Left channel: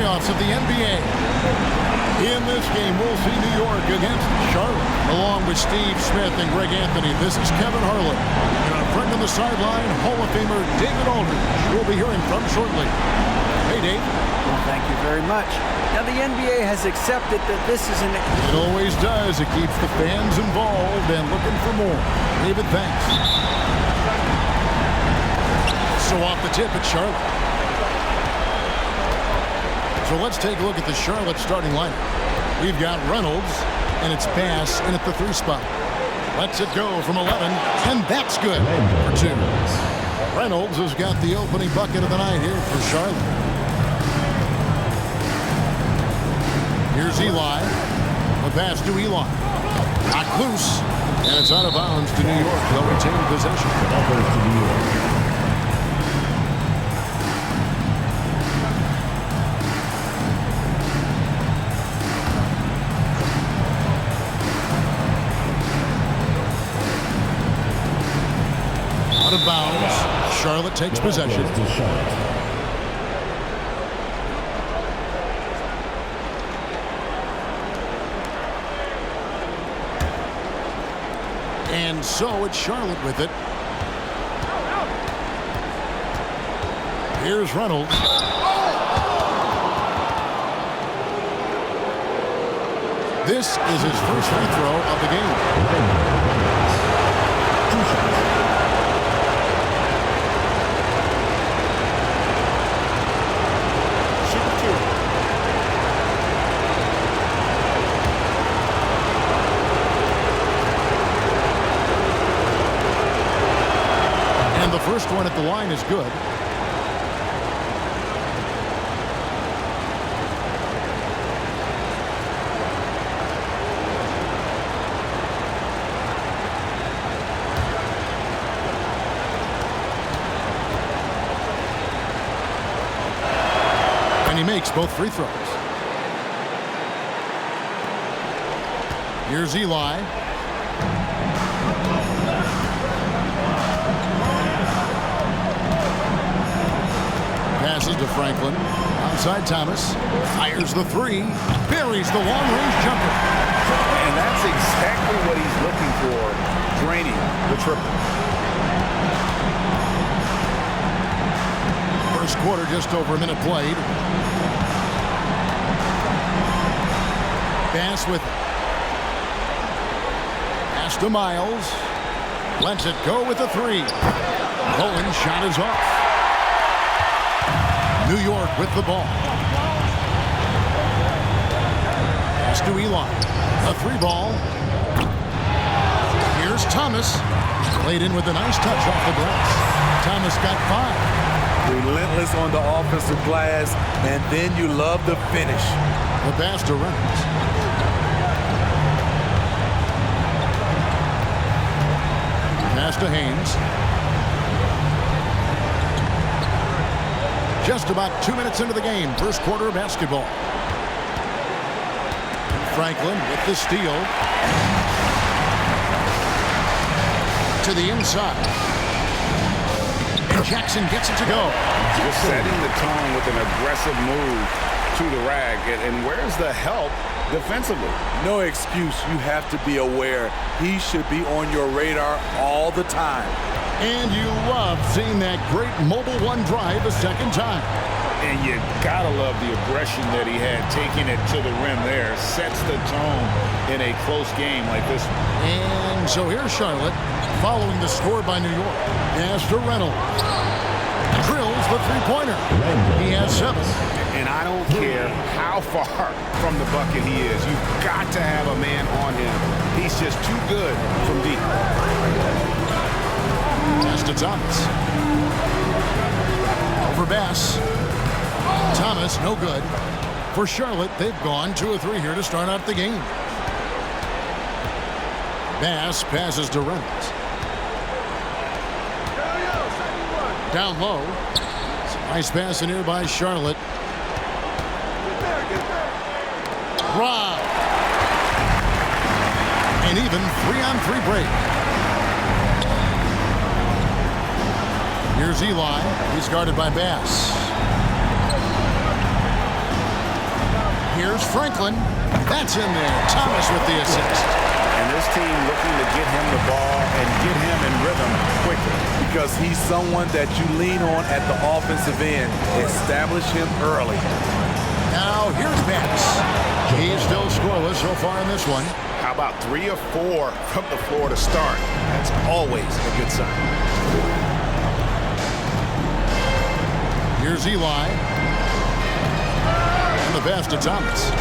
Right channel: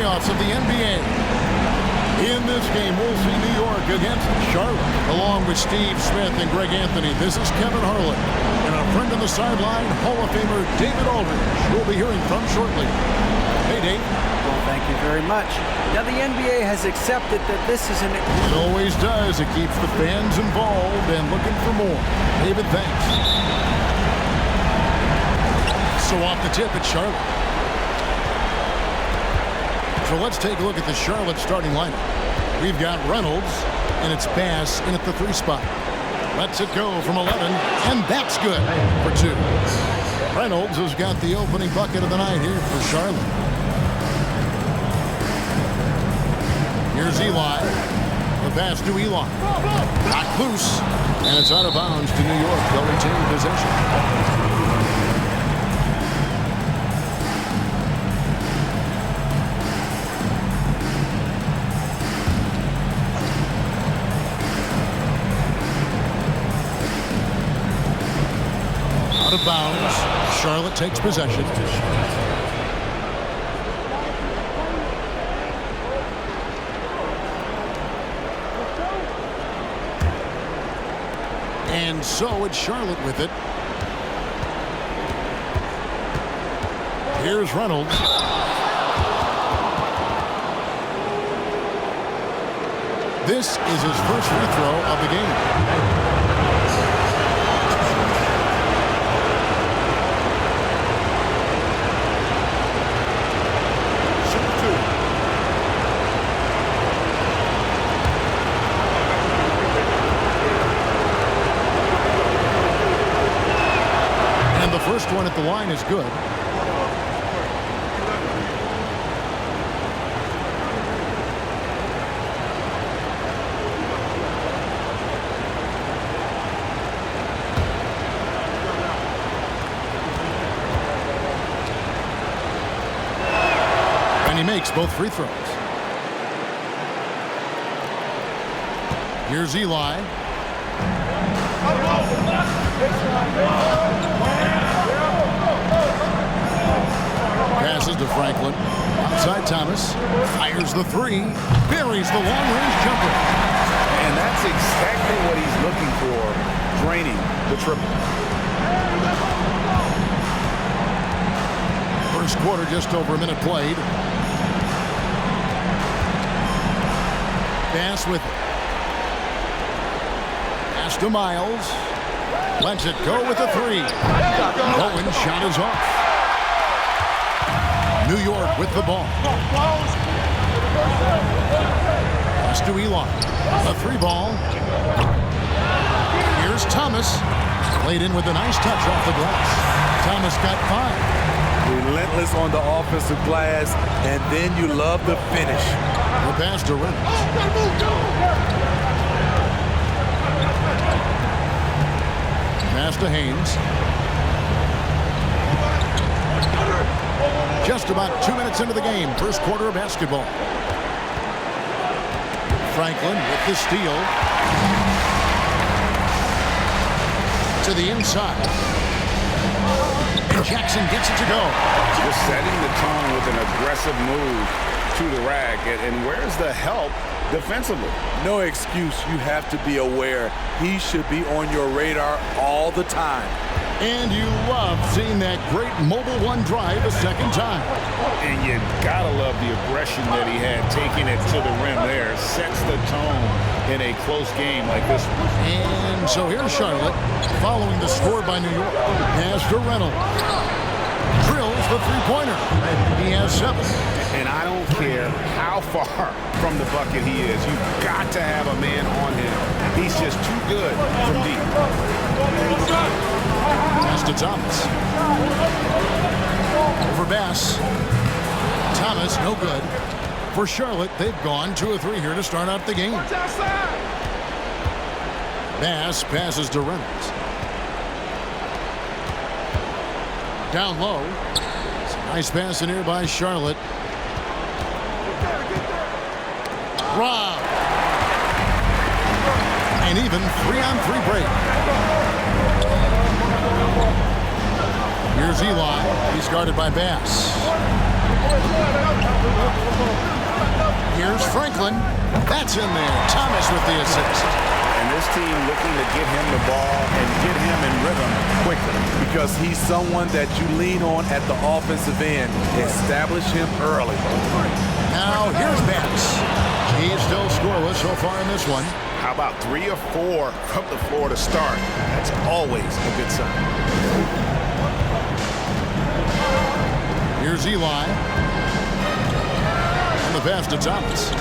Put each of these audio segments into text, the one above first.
playoffs of the NBA. In this game, we'll see New York against Charlotte. Along with Steve Smith and Greg Anthony, this is Kevin Harlan. And our friend on the sideline, Hall of Famer David Aldridge, who we'll be hearing from shortly. Hey, Dave. Well, thank you very much. Now, the NBA has accepted that this is an... It always does. It keeps the fans involved and looking for more. David, thanks. So off the tip, it's Charlotte. So let's take a look at the Charlotte starting lineup. We've got Reynolds, and it's Bass in at the 3 spot. Lets it go from 11, and that's good for 2. Reynolds has got the opening bucket of the night here for Charlotte. Here's Eli. The pass to Eli. Knocked loose, and it's out of bounds to New York. They'll retain possession. Out of bounds. Charlotte takes possession. And so it's Charlotte with it. Here's Reynolds. This is his first free throw of the game. And the first one at the line is good. And he makes both free throws. Here's Eli. Passes to Franklin. Outside Thomas. Fires the 3. Buries the long-range jumper. And that's exactly what he's looking for, draining the triple. First quarter, just over a minute played. Bass with it. Pass to Miles. Lets it go with the 3. Bowen's shot is off. New York with the ball. Pass to Eli. A 3 ball. Here's Thomas. Played in with a nice touch off the glass. Thomas got 5. Relentless on the offensive glass, and then you love the finish. The pass to Reynolds. Pass to Haynes. Just about 2 minutes into the game. First quarter of basketball. Franklin with the steal. To the inside. And Jackson gets it to go. Just setting the tone with an aggressive move to the rack. And where's the help defensively? No excuse. You have to be aware. He should be on your radar all the time. And you love seeing that great mobile 1 drive a second time. And you gotta love the aggression that he had, taking it to the rim there. Sets the tone in a close game like this one. And so here's Charlotte, following the score by New York. Pass to Reynolds. Drills the 3-pointer. He has 7. And I don't care how far from the bucket he is. You've got to have a man on him. He's just too good from deep. Pass to Thomas. Over Bass. Thomas, no good. For Charlotte, they've gone 2 of 3 here to start out the game. Bass passes to Reynolds. Down low. Some nice pass in here by Charlotte. Rob. An even 3-on-3 break. Here's Eli. He's guarded by Bass. Here's Franklin. That's in there. Thomas with the assist. And this team looking to get him the ball and get him in rhythm quickly. Because he's someone that you lean on at the offensive end. Establish him early. Now here's Bass. He's still scoreless so far in this one. How about 3 of 4 from the floor to start? That's always a good sign. Here's Eli. And the pass to Thomas.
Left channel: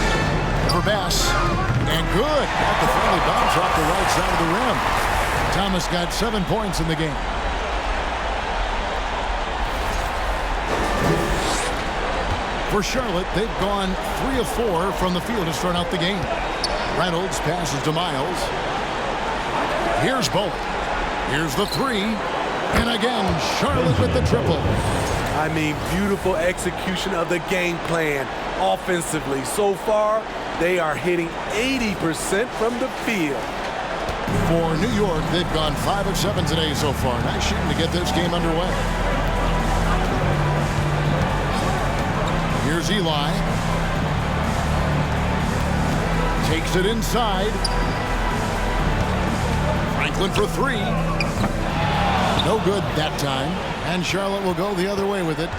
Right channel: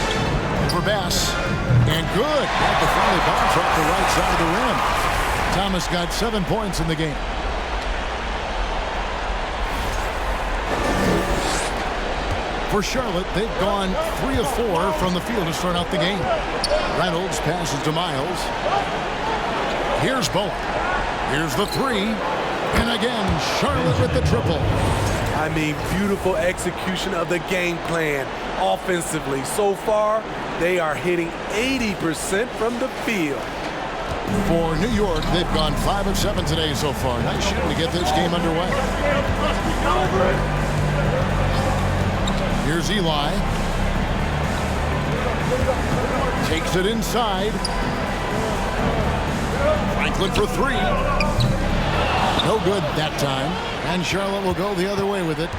Over Bass. And good. Got the friendly bounce off the right side of the rim. Thomas got 7 points in the game. For Charlotte, they've gone 3 of 4 from the field to start out the game. Reynolds passes to Miles. Here's Bowen. Here's the 3. And again, Charlotte with the triple. I mean, beautiful execution of the game plan offensively. So far, they are hitting 80% from the field. For New York, they've gone 5 of 7 today so far. Nice shooting to get this game underway. Here's Eli. Takes it inside. Franklin for 3. No good that time. And Charlotte will go the other way with it.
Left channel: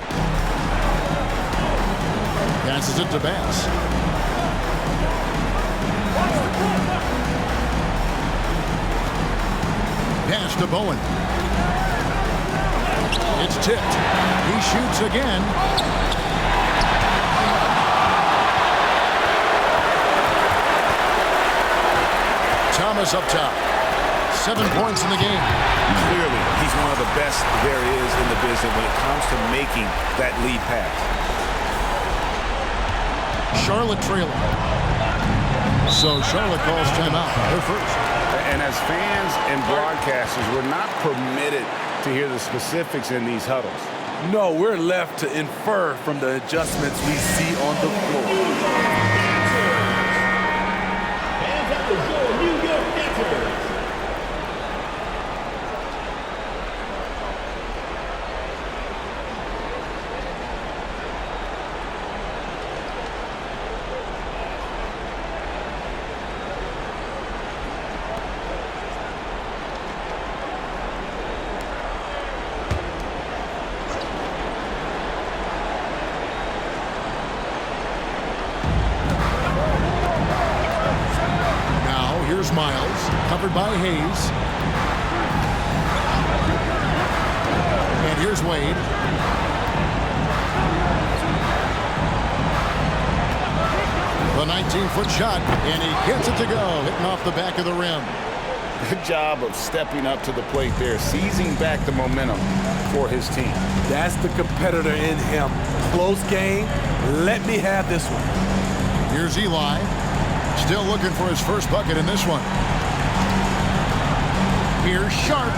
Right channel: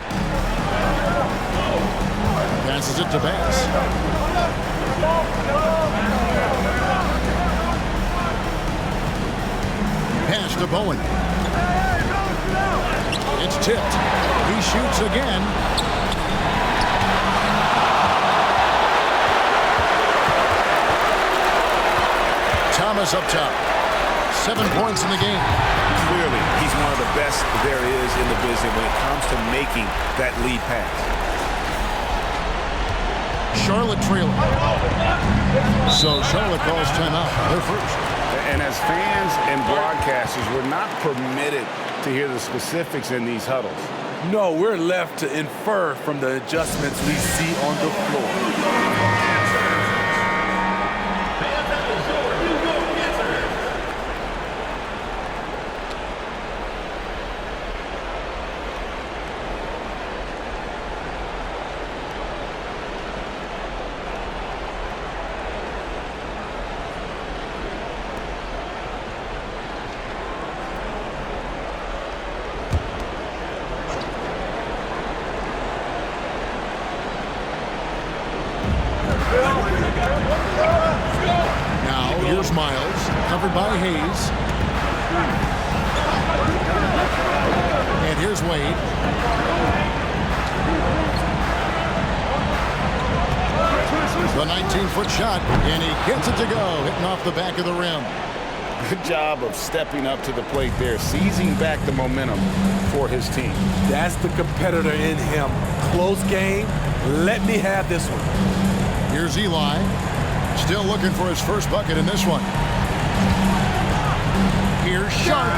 Passes it to Bass. Pass to Bowen. It's tipped. He shoots again. Thomas up top. 7 points in the game. Clearly, he's one of the best there is in the business when it comes to making that lead pass. Charlotte trailing. So Charlotte calls timeout. They're first. And as fans and broadcasters, we're not permitted to hear the specifics in these huddles. No, we're left to infer from the adjustments we see on the floor. Here's Miles, covered by Hayes. And here's Wade. The 19-foot shot, and he gets it to go, hitting off the back of the rim. Good job of stepping up to the plate there, seizing back the momentum for his team. That's the competitor in him. Close game. Let me have this one. Here's Eli. Still looking for his first bucket in this one. Here's Sharp.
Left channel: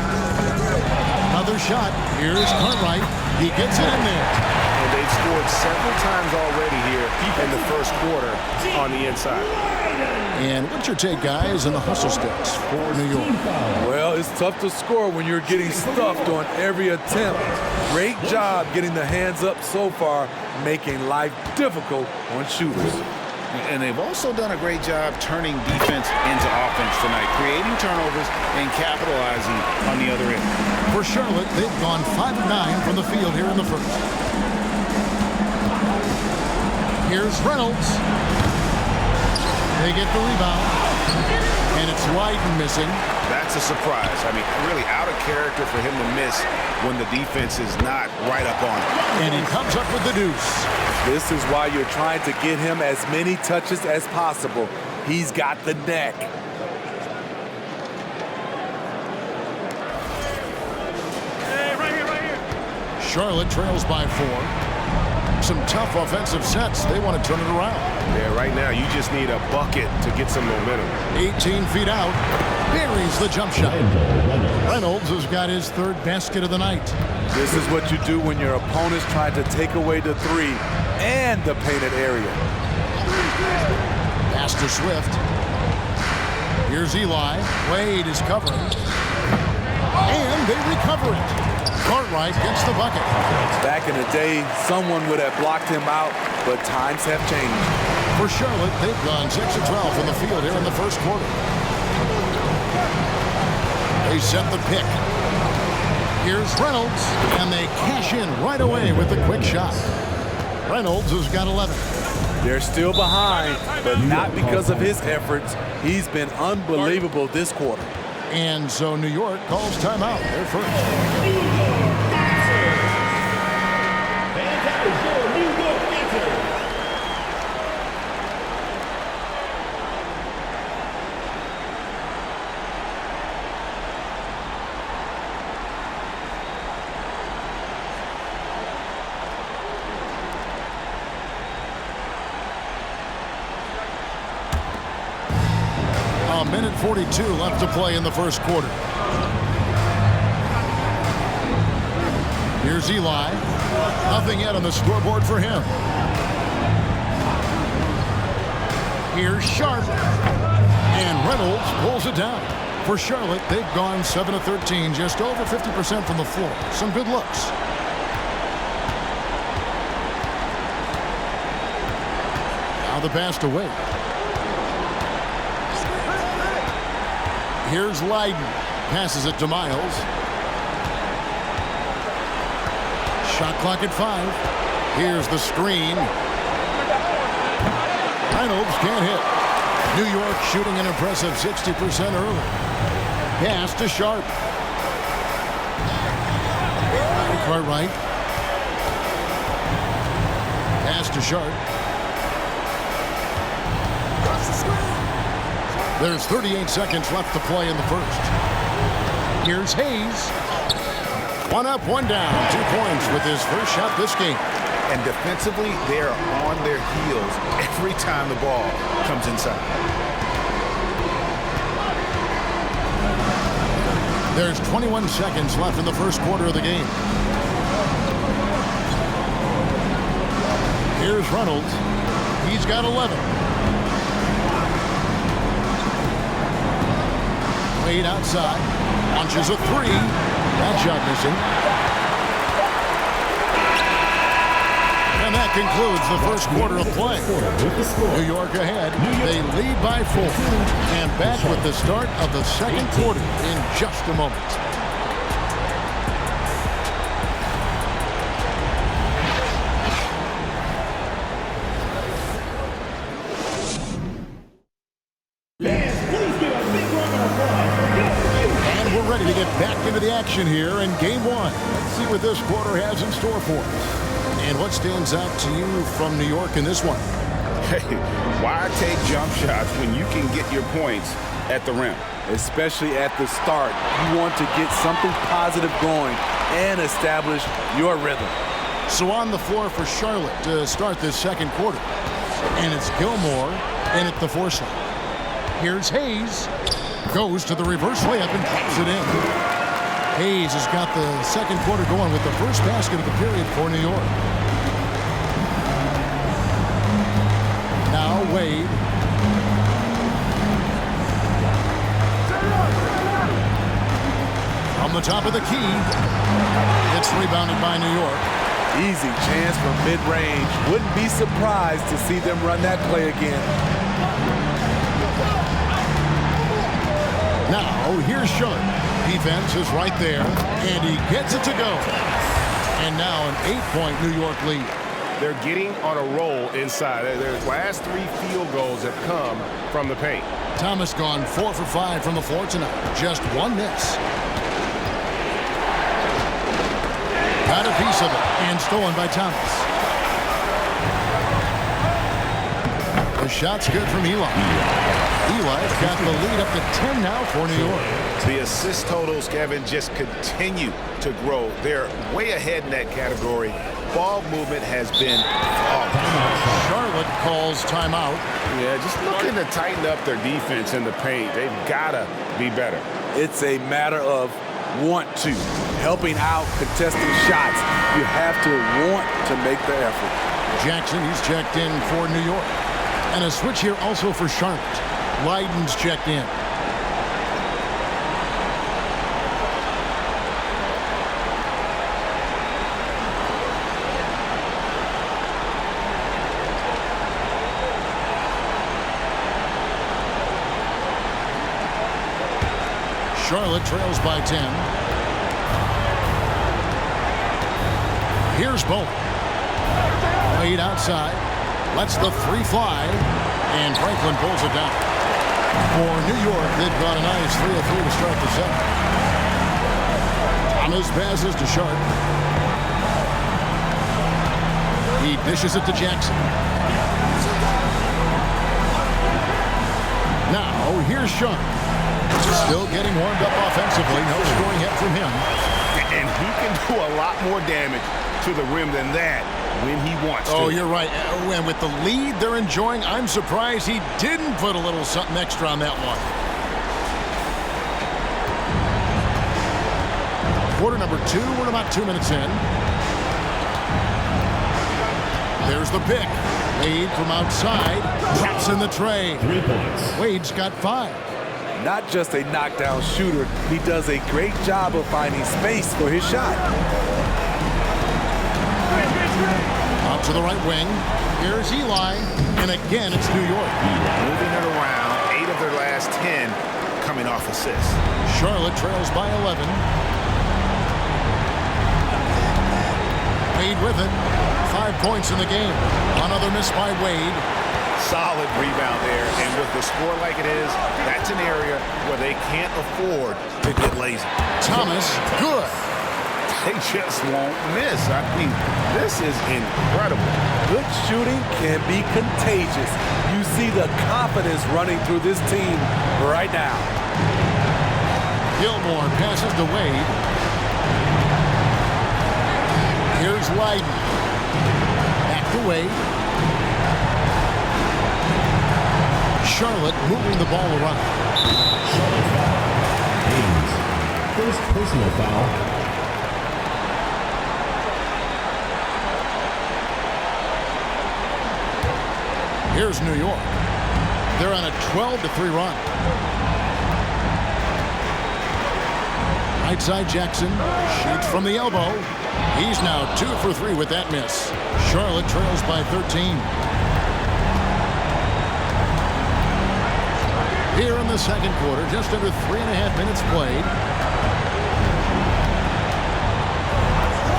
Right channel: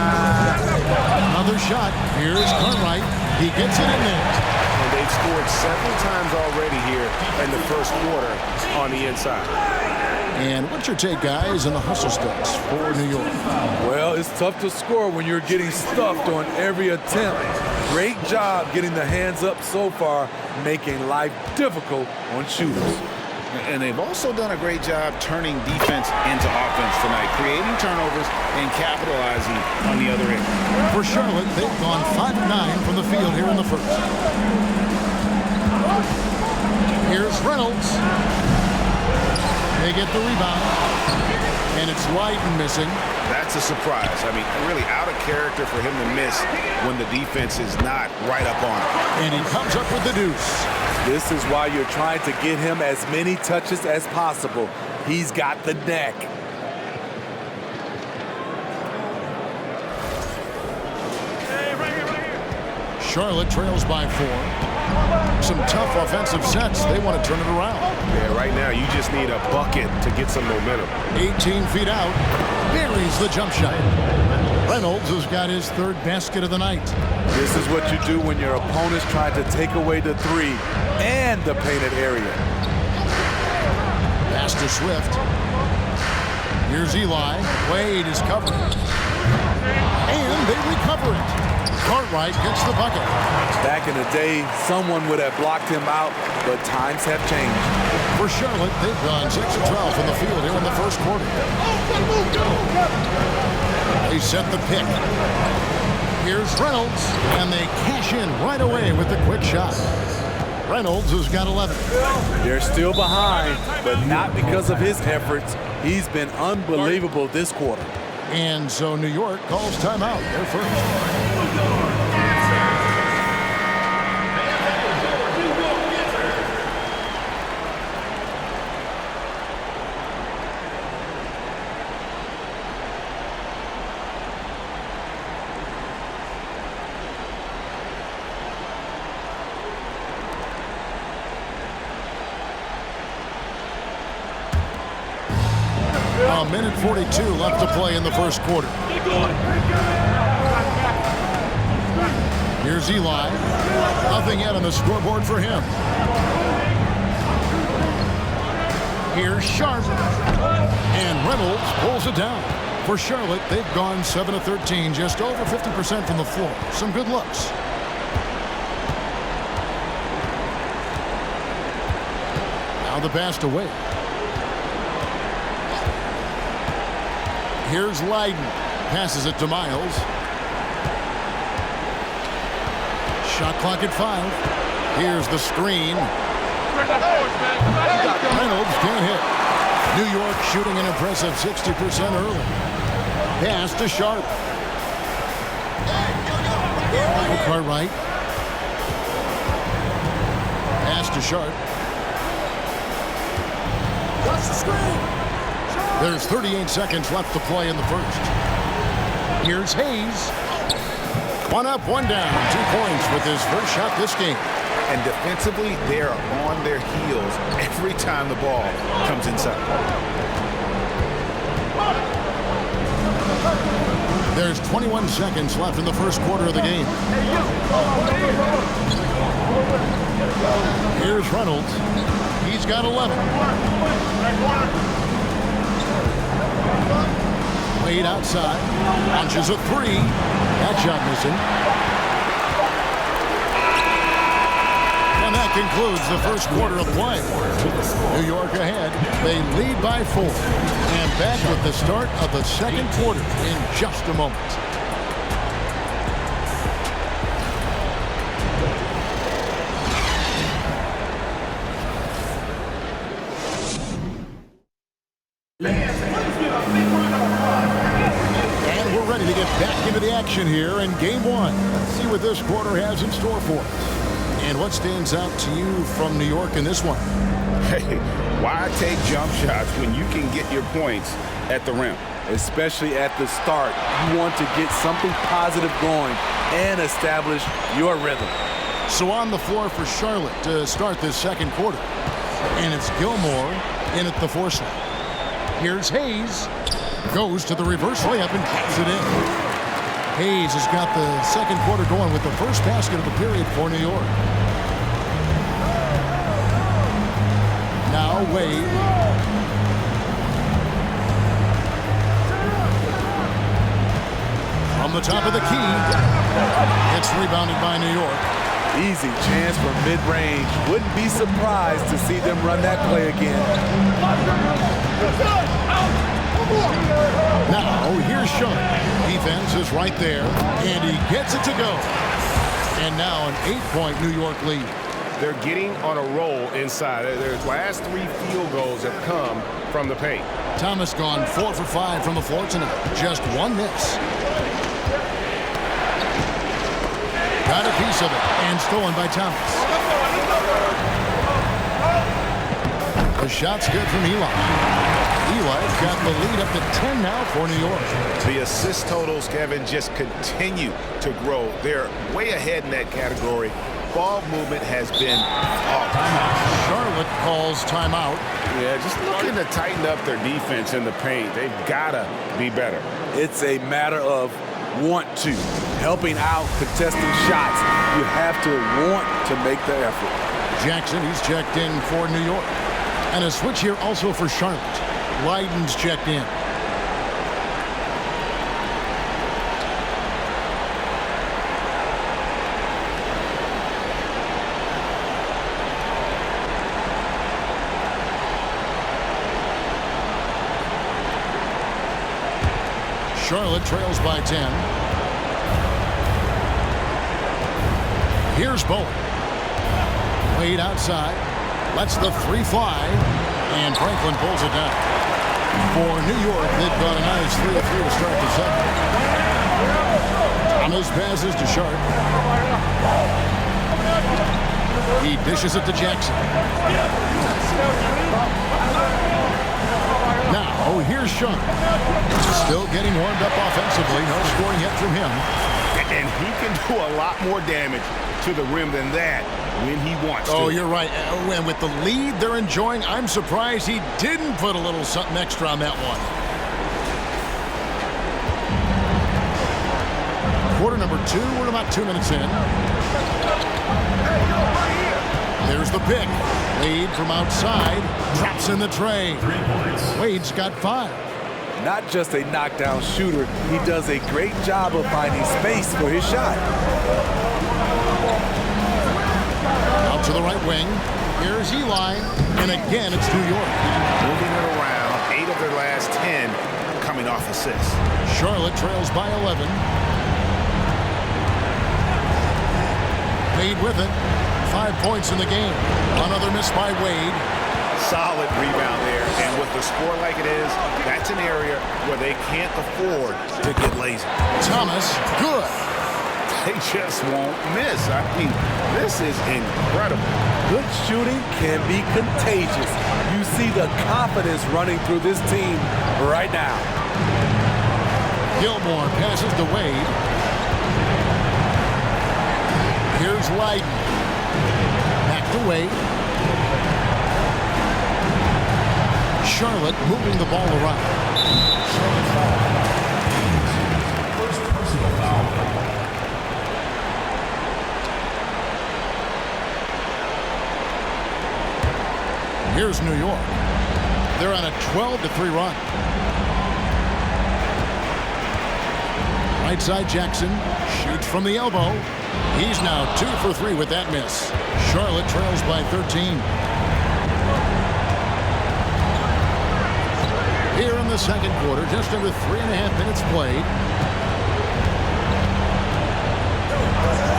Another shot. Here's Cartwright. He gets it in there. And they've scored several times already here in the first quarter on the inside. And what's your take, guys, in the hustle sticks for New York? Well, it's tough to score when you're getting stuffed on every attempt. Great job getting the hands up so far, making life difficult on shooters. And they've also done a great job turning defense into offense tonight, creating turnovers and capitalizing on the other end. For Charlotte, they've gone 5 of 9 from the field here in the first. Here's Reynolds. They get the rebound, and it's wide and missing. That's a surprise. I mean, really out of character for him to miss when the defense is not right up on him. And he comes up with the deuce. This is why you're trying to get him as many touches as possible. He's got the neck. Hey, right here. Charlotte trails by 4. Some tough offensive sets. They want to turn it around. Yeah, right now you just need a bucket to get some momentum. 18 feet out. Buries the jump shot. Reynolds has got his 3rd basket of the night. This is what you do when your opponent's trying to take away the 3 and the painted area. Pass to Swift. Here's Eli. Wade is covering. And they recover it. Cartwright gets the bucket. Back in the day, someone would have blocked him out, but times have changed. For Charlotte, they've gone 6 of 12 from the field here in the first quarter. They set the pick. Here's Reynolds, and they cash in right away with the quick shot. Reynolds has got 11. They're still behind, but not because of his efforts. He's been unbelievable this quarter. And so New York calls timeout. They're first. A minute 42 left to play in the first quarter. Here's Eli. Nothing yet on the scoreboard for him. Here's Sharp. And Reynolds pulls it down. For Charlotte, they've gone 7 of 13, just over 50% from the floor. Some good looks. Now the pass to Wade. Here's Leiden. Passes it to Miles. Shot clock at 5. Here's the screen. Reynolds can't hit. New York shooting an impressive 60% early. Pass to Sharp. Cartwright. Pass to Sharp. Cross the screen. There's 38 seconds left to play in the first. Here's Hayes. One up, one down. 2 points with his first shot this game. And defensively, they are on their heels every time the ball comes inside. There's 21 seconds left in the first quarter of the game. Here's Reynolds. He's got 11. Wade outside. Launches a 3. That shot missing. And that concludes the first quarter of play. New York ahead. They lead by 4. And back with the start of the second quarter in just a moment. And we're ready to get back into the action here in game 1. Let's see what this quarter has in store for us. And what stands out to you from New York in this one? Hey, why take jump shots when you can get your points at the rim? Especially at the start. You want to get something positive going and establish your rhythm. So on the floor for Charlotte to start this second quarter. And it's Gilmore in at the 4 slot. Here's Hayes. Goes to the reverse layup and drops it in. Hayes has got the second quarter going with the first basket of the period for New York. Now Wade. From the top of the key. It's rebounded by New York. Easy chance from mid-range. Wouldn't be surprised to see them run that play again. Now here's Sharp. Defense is right there, and he gets it to go. And now an 8-point New York lead. They're getting on a roll inside. Their last 3 field goals have come from the paint. Thomas gone 4 for 5 from the floor tonight. Just 1 miss. Got a piece of it, and stolen by Thomas. The shot's good from Eli. Eli's got the lead up to 10 now for New York. The assist totals, Kevin, just continue to grow. They're way ahead in that category. Ball movement has been flawless. Charlotte calls timeout. Yeah, just looking to tighten up their defense in the paint. They've got to be better. It's a matter of want to. Helping out, contesting shots. You have to want to make the effort. Jackson, he's checked in for New York. And a switch here also for Charlotte. Leiden's checked in. Charlotte trails by 10. Here's Bowen. Wade outside. Lets the three fly. And Franklin pulls it down. For New York, they've got a nice 3 of 3 to start the second. Thomas passes to Sharp. He dishes it to Jackson. Now, here's Sharp. Still getting warmed up offensively. No scoring yet from him. And he can do a lot more damage to the rim than that when he wants to. Oh, you're right. And with the lead they're enjoying, I'm surprised he didn't put a little something extra on that one. Quarter number 2. We're about 2 minutes in. There's the pick. Wade from outside. Drops in the tray. 3 points. Wade's got 5. Not just a knockdown shooter, he does a great job of finding space for his shot. Out to the right wing. Here's Eli. And again, it's New York. Moving it around. 8 of their last 10 coming off assists. Charlotte trails by 11. Wade with it. 5 points in the game. Another miss by Wade. Solid rebound there. And with the score like it is, that's an area where they can't afford to get lazy. Thomas, good. They just won't miss. I mean, this is incredible. Good shooting can be contagious. You see the confidence running through this team right now. Gilmore passes to Wade. Here's Leiden. Back to Wade. Charlotte moving the ball around. Charlotte foul. Haynes. First personal foul. Here's New York. They're on a 12-3 run. Right side Jackson shoots from the elbow. He's now 2 for 3 with that miss. Charlotte trails by 13. Here in the second quarter, just under 3.5 minutes played.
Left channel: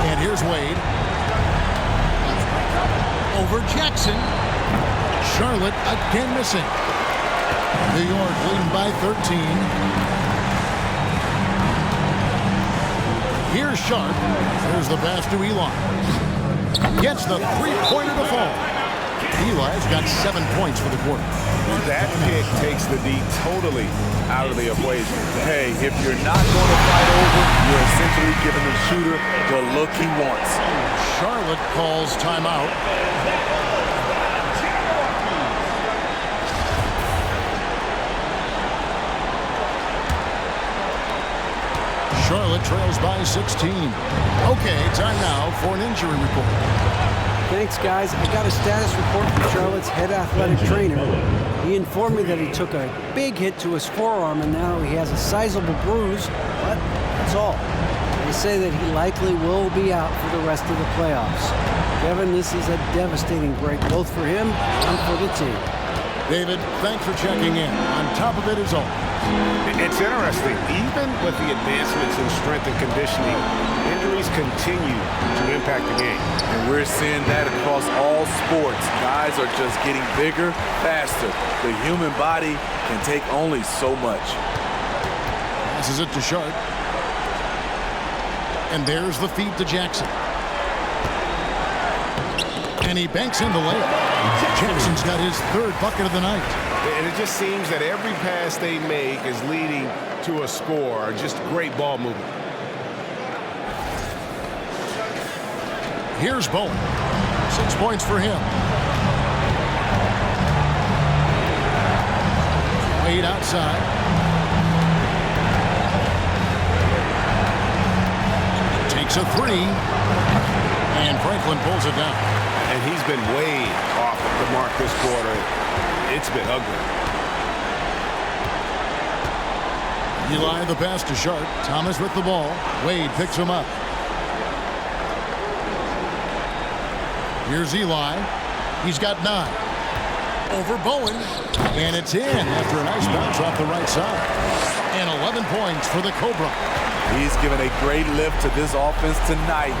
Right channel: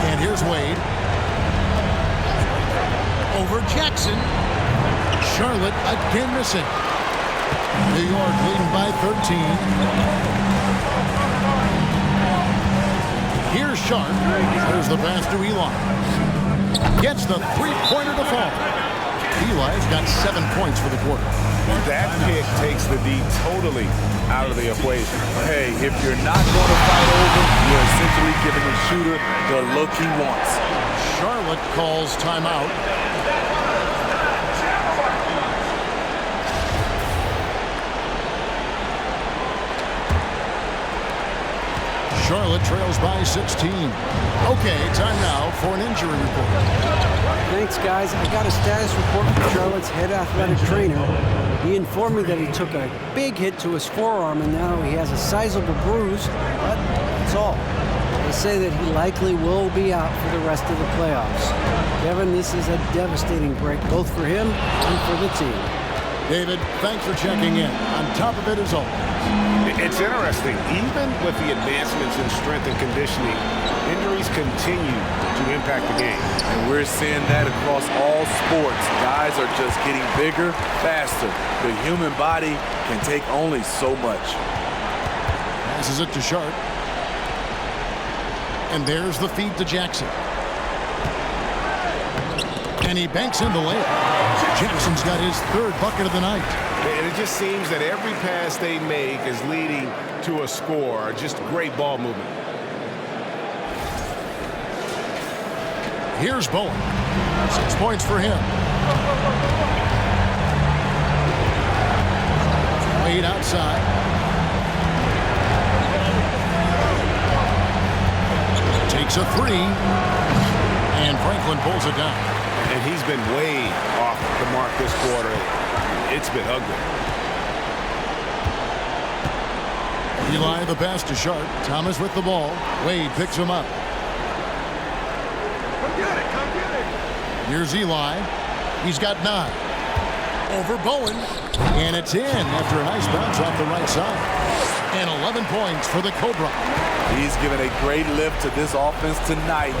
And here's Wade. Over Jackson. Charlotte again missing. New York leading by 13. Here's Sharp. There's the pass to Eli. Gets the three-pointer to fall. Eli's got 7 points for the quarter. That pick takes the D totally out of the equation. Hey, if you're not going to fight over, you're essentially giving the shooter the look he wants. Charlotte calls timeout. Charlotte trails by 16. Okay, time now for an injury report. Thanks, guys. I got a status report from Charlotte's head athletic trainer. He informed me that he took a big hit to his forearm and now he has a sizable bruise, but that's all. They say that he likely will be out for the rest of the playoffs. Kevin, this is a devastating break both for him and for the team. David, thanks for checking in. On top of it as always. It's interesting. Even with the advancements in strength and conditioning, injuries continue to impact the game. And we're seeing that across all sports. Guys are just getting bigger, faster. The human body can take only so much. Passes it to Sharp. And there's the feed to Jackson. And he banks in the layup. Jackson's got his 3rd bucket of the night. And it just seems that every pass they make is leading to a score. Just great ball movement. Here's Bowen. 6 points for him. Wade outside. Takes a 3. And Franklin pulls it down. And he's been way off the mark this quarter. It's been ugly. Eli the pass to Sharp. Thomas with the ball. Wade picks him up. Here's Eli. He's got 9. Over Bowen. And it's in after a nice bounce off the right side. And 11 points for the Cobra. He's given a great lift to this offense tonight.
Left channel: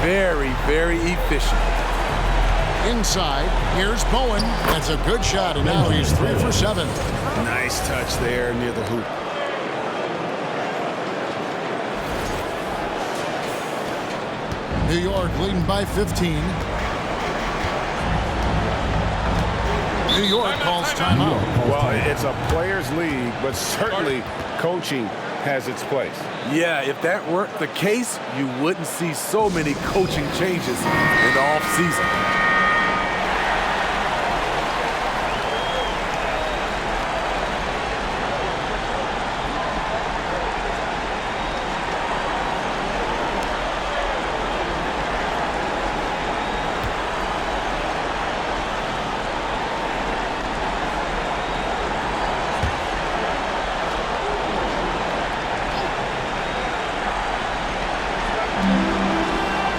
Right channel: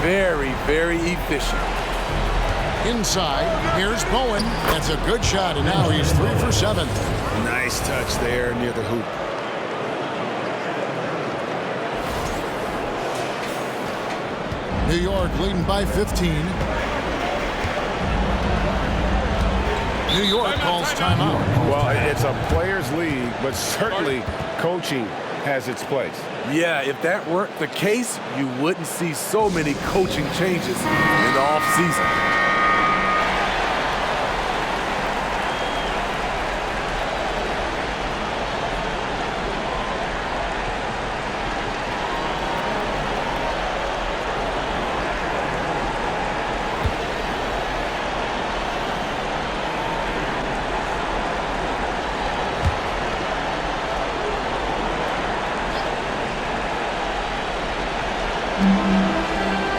Very, very efficient. Inside, here's Bowen. That's a good shot, and now he's 3 for 7. Nice touch there near the hoop. New York leading by 15. New York calls timeout. Well, it's a players' league, but certainly coaching has its place. Yeah, if that weren't the case, you wouldn't see so many coaching changes in the offseason.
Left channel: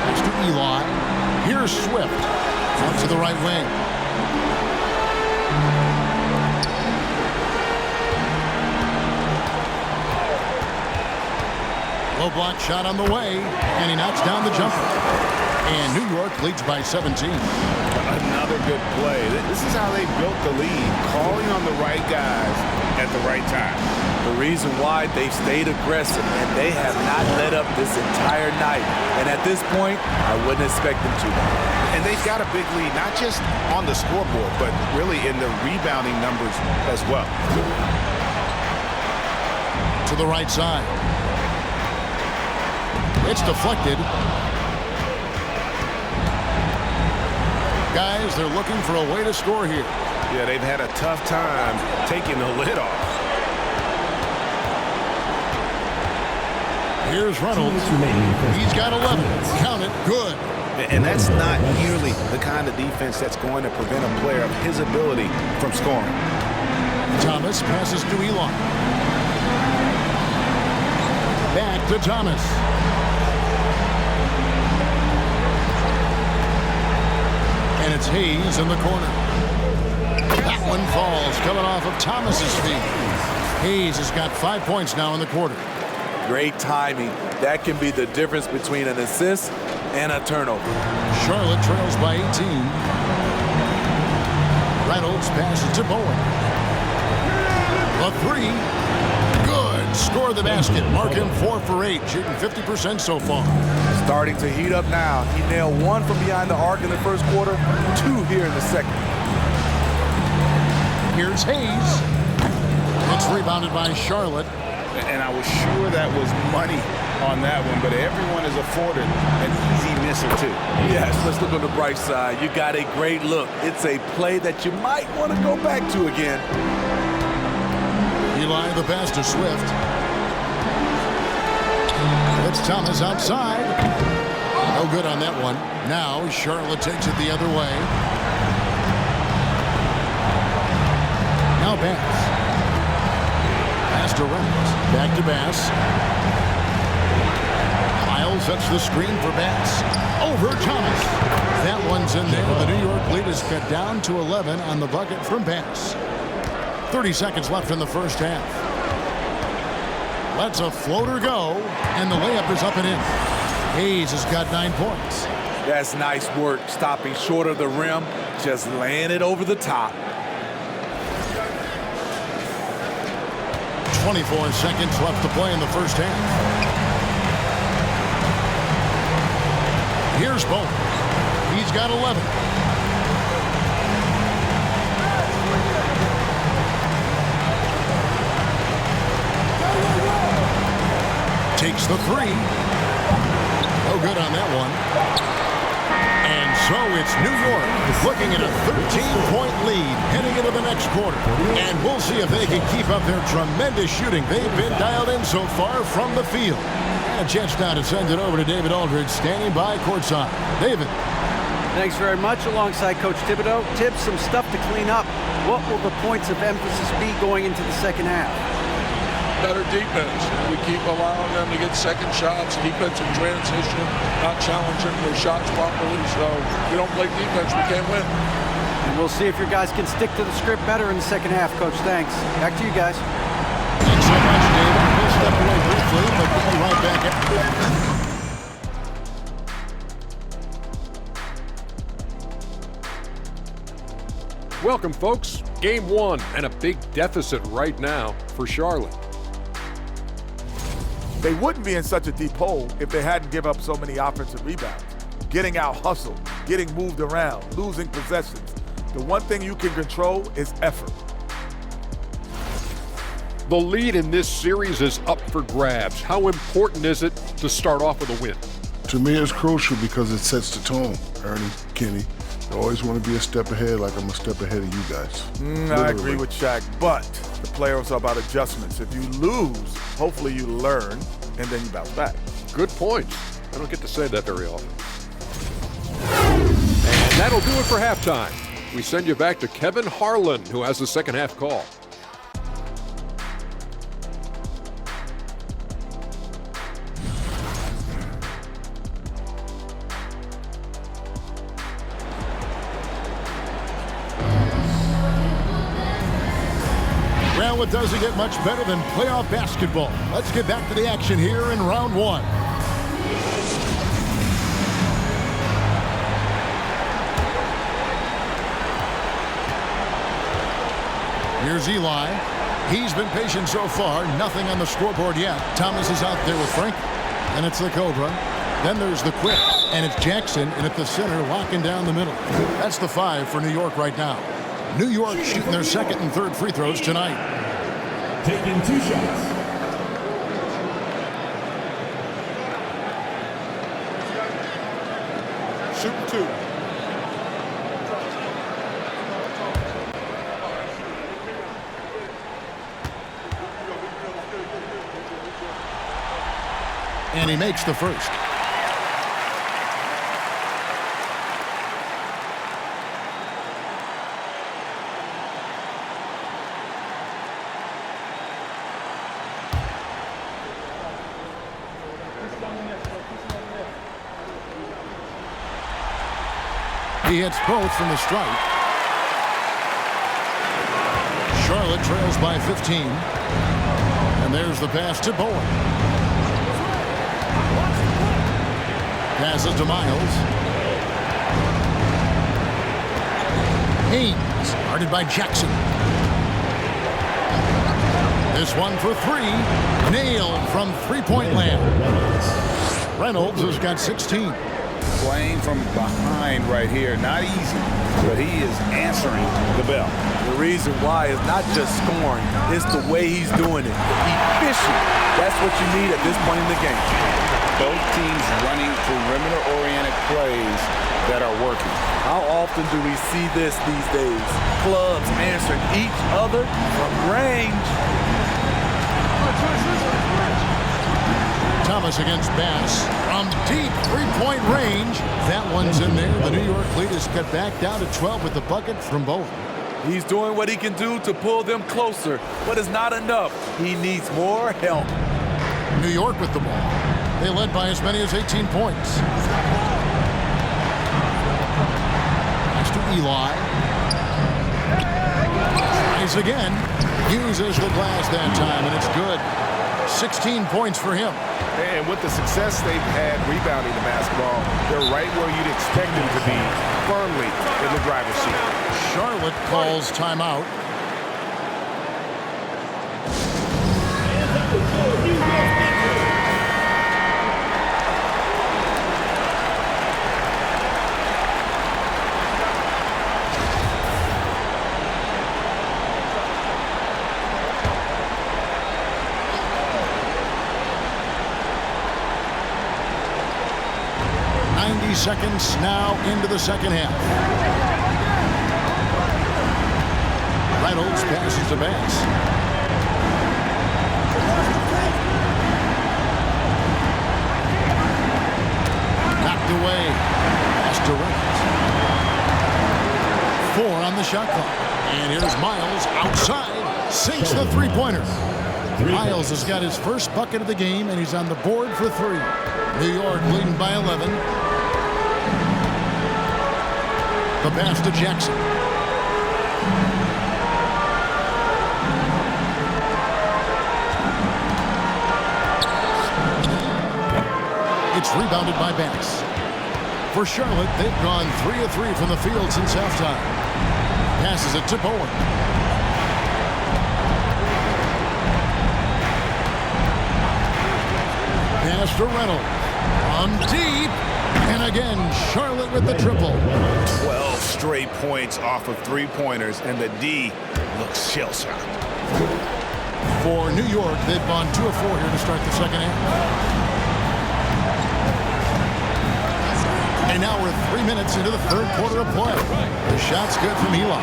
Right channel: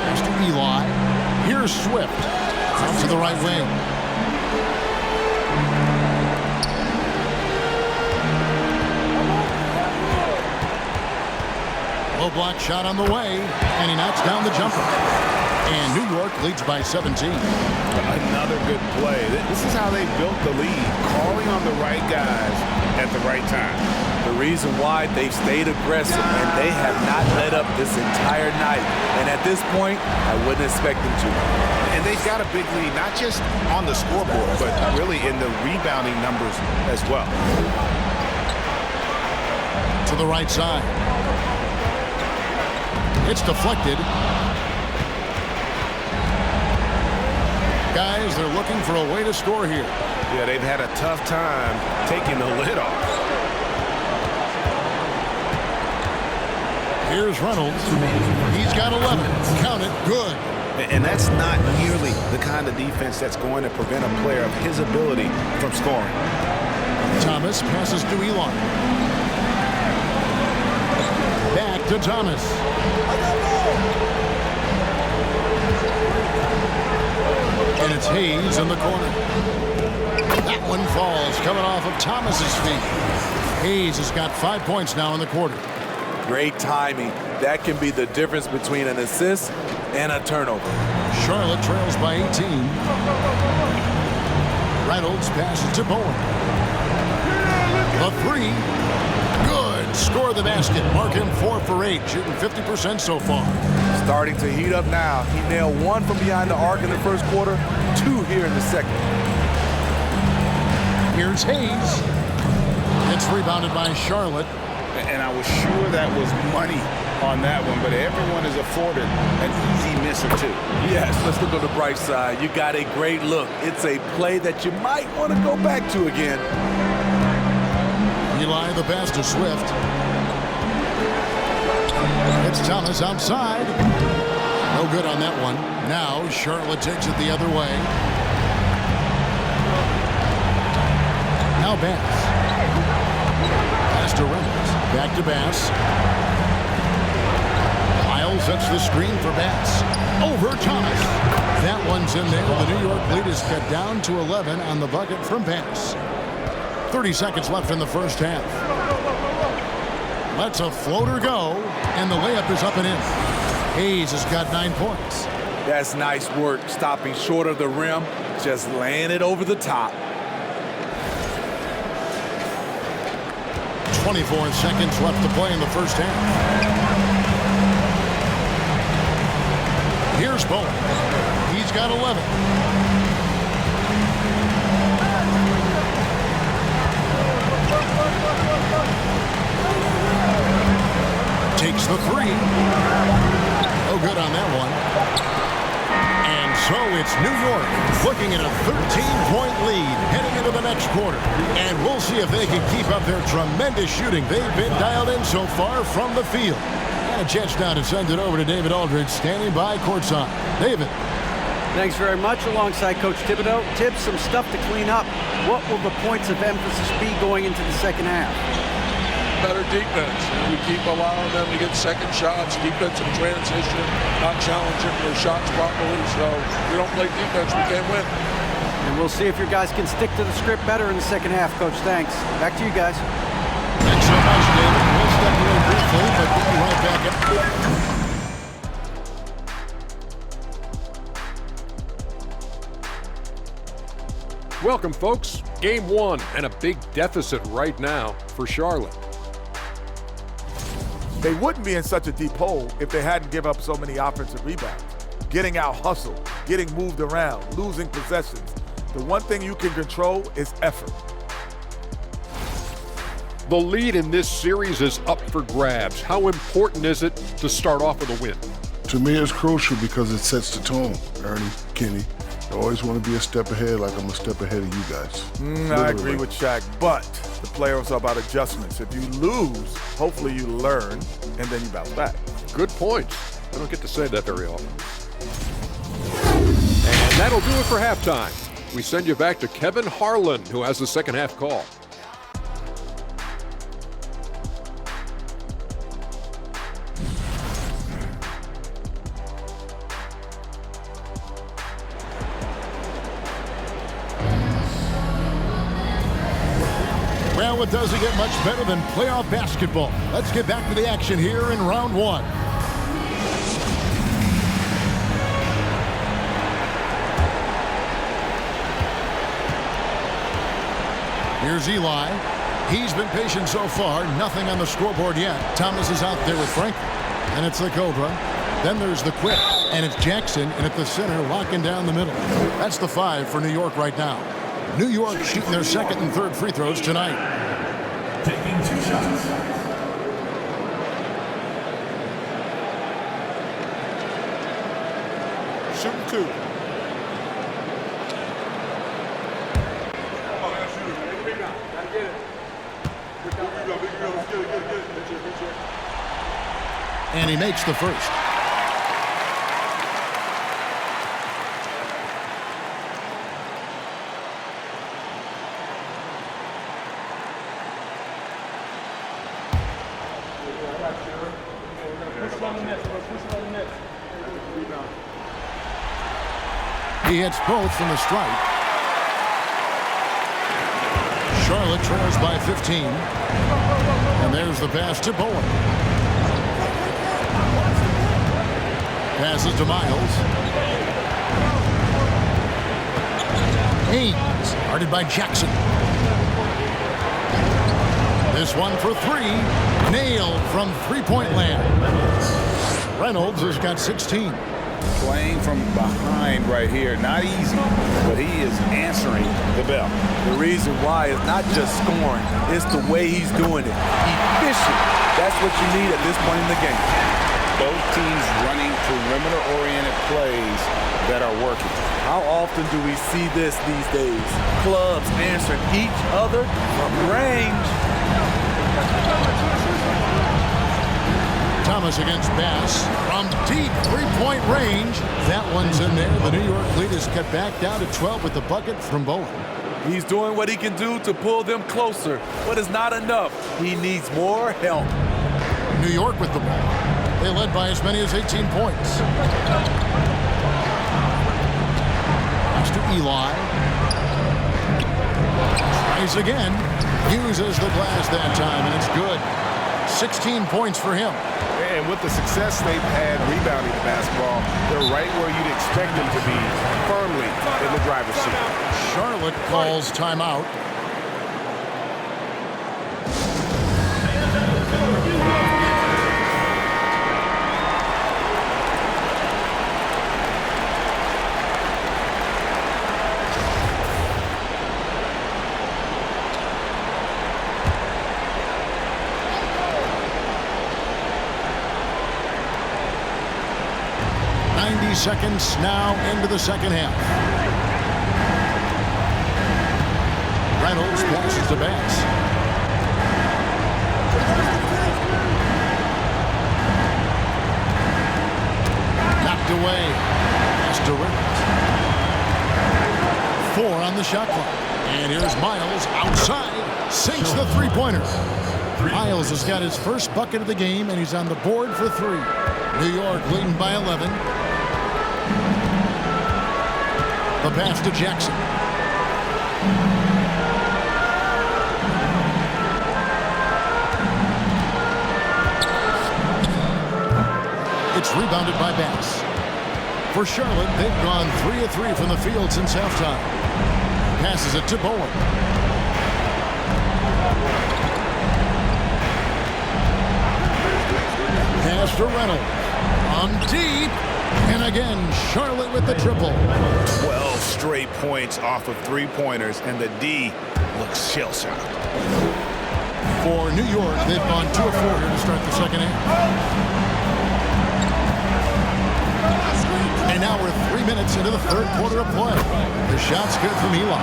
Pass to Eli. Here's Swift. Out to the right wing. Low block shot on the way, and he knocks down the jumper. And New York leads by 17. Another good play. This is how they built the lead, calling on the right guys at the right time. The reason why they've stayed aggressive and they have not let up this entire night. And at this point, I wouldn't expect them to. And they've got a big lead, not just on the scoreboard, but really in the rebounding numbers as well. To the right side. It's deflected. Guys, they're looking for a way to score here. Yeah, they've had a tough time taking the lid off. Here's Reynolds. He's got 11. Count it. Good. And that's not nearly the kind of defense that's going to prevent a player of his ability from scoring. Thomas passes to Eli. Back to Thomas. And it's Hayes in the corner. That one falls, coming off of Thomas's feet. Hayes has got 5 points now in the quarter. Great timing. That can be the difference between an assist and a turnover. Charlotte trails by 18. Reynolds passes to Bowen. The three. Good. Score the basket. Mark him 4 for 8, shooting 50% so far. Starting to heat up now. He nailed 1 from behind the arc in the first quarter, 2 here in the second. Here's Hayes. It's rebounded by Charlotte. And I was sure that was money on that one, but everyone is afforded an easy miss or two. Yes, let's look on the bright side. You got a great look. It's a play that you might want to go back to again. Eli the pass to Swift. It's Thomas outside. No good on that one. Now Charlotte takes it the other way. Now Bass. Pass to Reynolds. Back to Bass. Miles sets the screen for Bass. Over Thomas. That one's in there. The New York lead is cut down to 11 on the bucket from Bass. 30 seconds left in the first half. Lets a floater go, and the layup is up and in. Hayes has got 9 points. That's nice work, stopping short of the rim, just laying it over the top. 24 seconds left to play in the first half. Here's Bowen. He's got 11. Takes the three. No good on that one. And so it's New York looking at a 13-point lead heading into the next quarter. And we'll see if they can keep up their tremendous shooting. They've been dialed in so far from the field. And a chance now to send it over to David Aldridge, standing by courtside. David. Thanks very much. Alongside Coach Thibodeau. Tibbs, some stuff to clean up. What will the points of emphasis be going into the second half? Better defense. And we keep allowing them to get second shots, defensive transition, not challenging their shots properly. So if we don't play defense, we can't win. And we'll see if your guys can stick to the script better in the second half, Coach. Thanks. Back to you guys. Thanks Thanks so much, David. We'll step away briefly, but get you right back at. Welcome, folks. Game 1 and a big deficit right now for Charlotte. They wouldn't be in such a deep hole if they hadn't given up so many offensive rebounds. Getting out hustled, getting moved around, losing possessions. The one thing you can control is effort. The lead in this series is up for grabs. How important is it to start off with a win? To me, it's crucial because it sets the tone. Ernie, Kenny, you always want to be a step ahead, like I'm a step ahead of you guys. I agree with Shaq, but the playoffs are about adjustments. If you lose, hopefully you learn, and then you bounce back. Good points. I don't get to say that very often. And that'll do it for halftime. We send you back to Kevin Harlan, who has the second half call. Well, it doesn't get much better than playoff basketball. Let's get back to the action here in round 1. Here's Eli. He's been patient so far. Nothing on the scoreboard yet. Thomas is out there with Franklin. Then it's the Cobra. Then there's the Quick. And it's Jackson in at the center, locking down the middle. That's the 5 for New York right now. New York shooting their second and third free throws tonight. Taking 2 shots. Shooting 2. And he makes the first. He hits both from the stripe. Charlotte trails by 15. And there's the pass to Bowen. Passes to Miles. Haynes, guarded by Jackson. This one for 3. Nailed from three-point land. Reynolds has got 16. Playing from behind right here, not easy, but he is answering the bell. The reason why is not just scoring, it's the way he's doing it. Efficient. That's what you need at this point in the game. Both teams running perimeter-oriented plays that are working. How often do we see this these days? Clubs answering each other from range. Thomas against Bass from deep three-point range. That one's in there. The New York lead is cut back down to 12 with the bucket from Bowen. He's doing what he can do to pull them closer, but it's not enough. He needs more help. New York with the ball. They led by as many as 18 points. Pass to Eli. Tries again. Uses the glass that time, and it's good. 16 points for him. And with the success they've had rebounding the basketball, they're right where you'd expect them to be, firmly in the driver's seat. Charlotte calls timeout. Seconds now into the second half. Reynolds passes to Bass. Knocked away. Pass to Reynolds. 4 on the shot clock. And here's Miles outside. Sinks the three-pointer. Miles has got his first bucket of the game, and he's on the board for 3. New York leading by 11. The pass to Jackson. rebounded by Bass. For Charlotte, they've gone 3 of 3 from the field since halftime. Passes it to Bowen. Pass to Reynolds. On deep. And again, Charlotte with the triple. 12 straight points off of three-pointers, and the D looks shell-shocked. For New York, they've gone 2 of 4 here to start the second half. And now we're 3 minutes into the third quarter of play. The shot's good from Eli.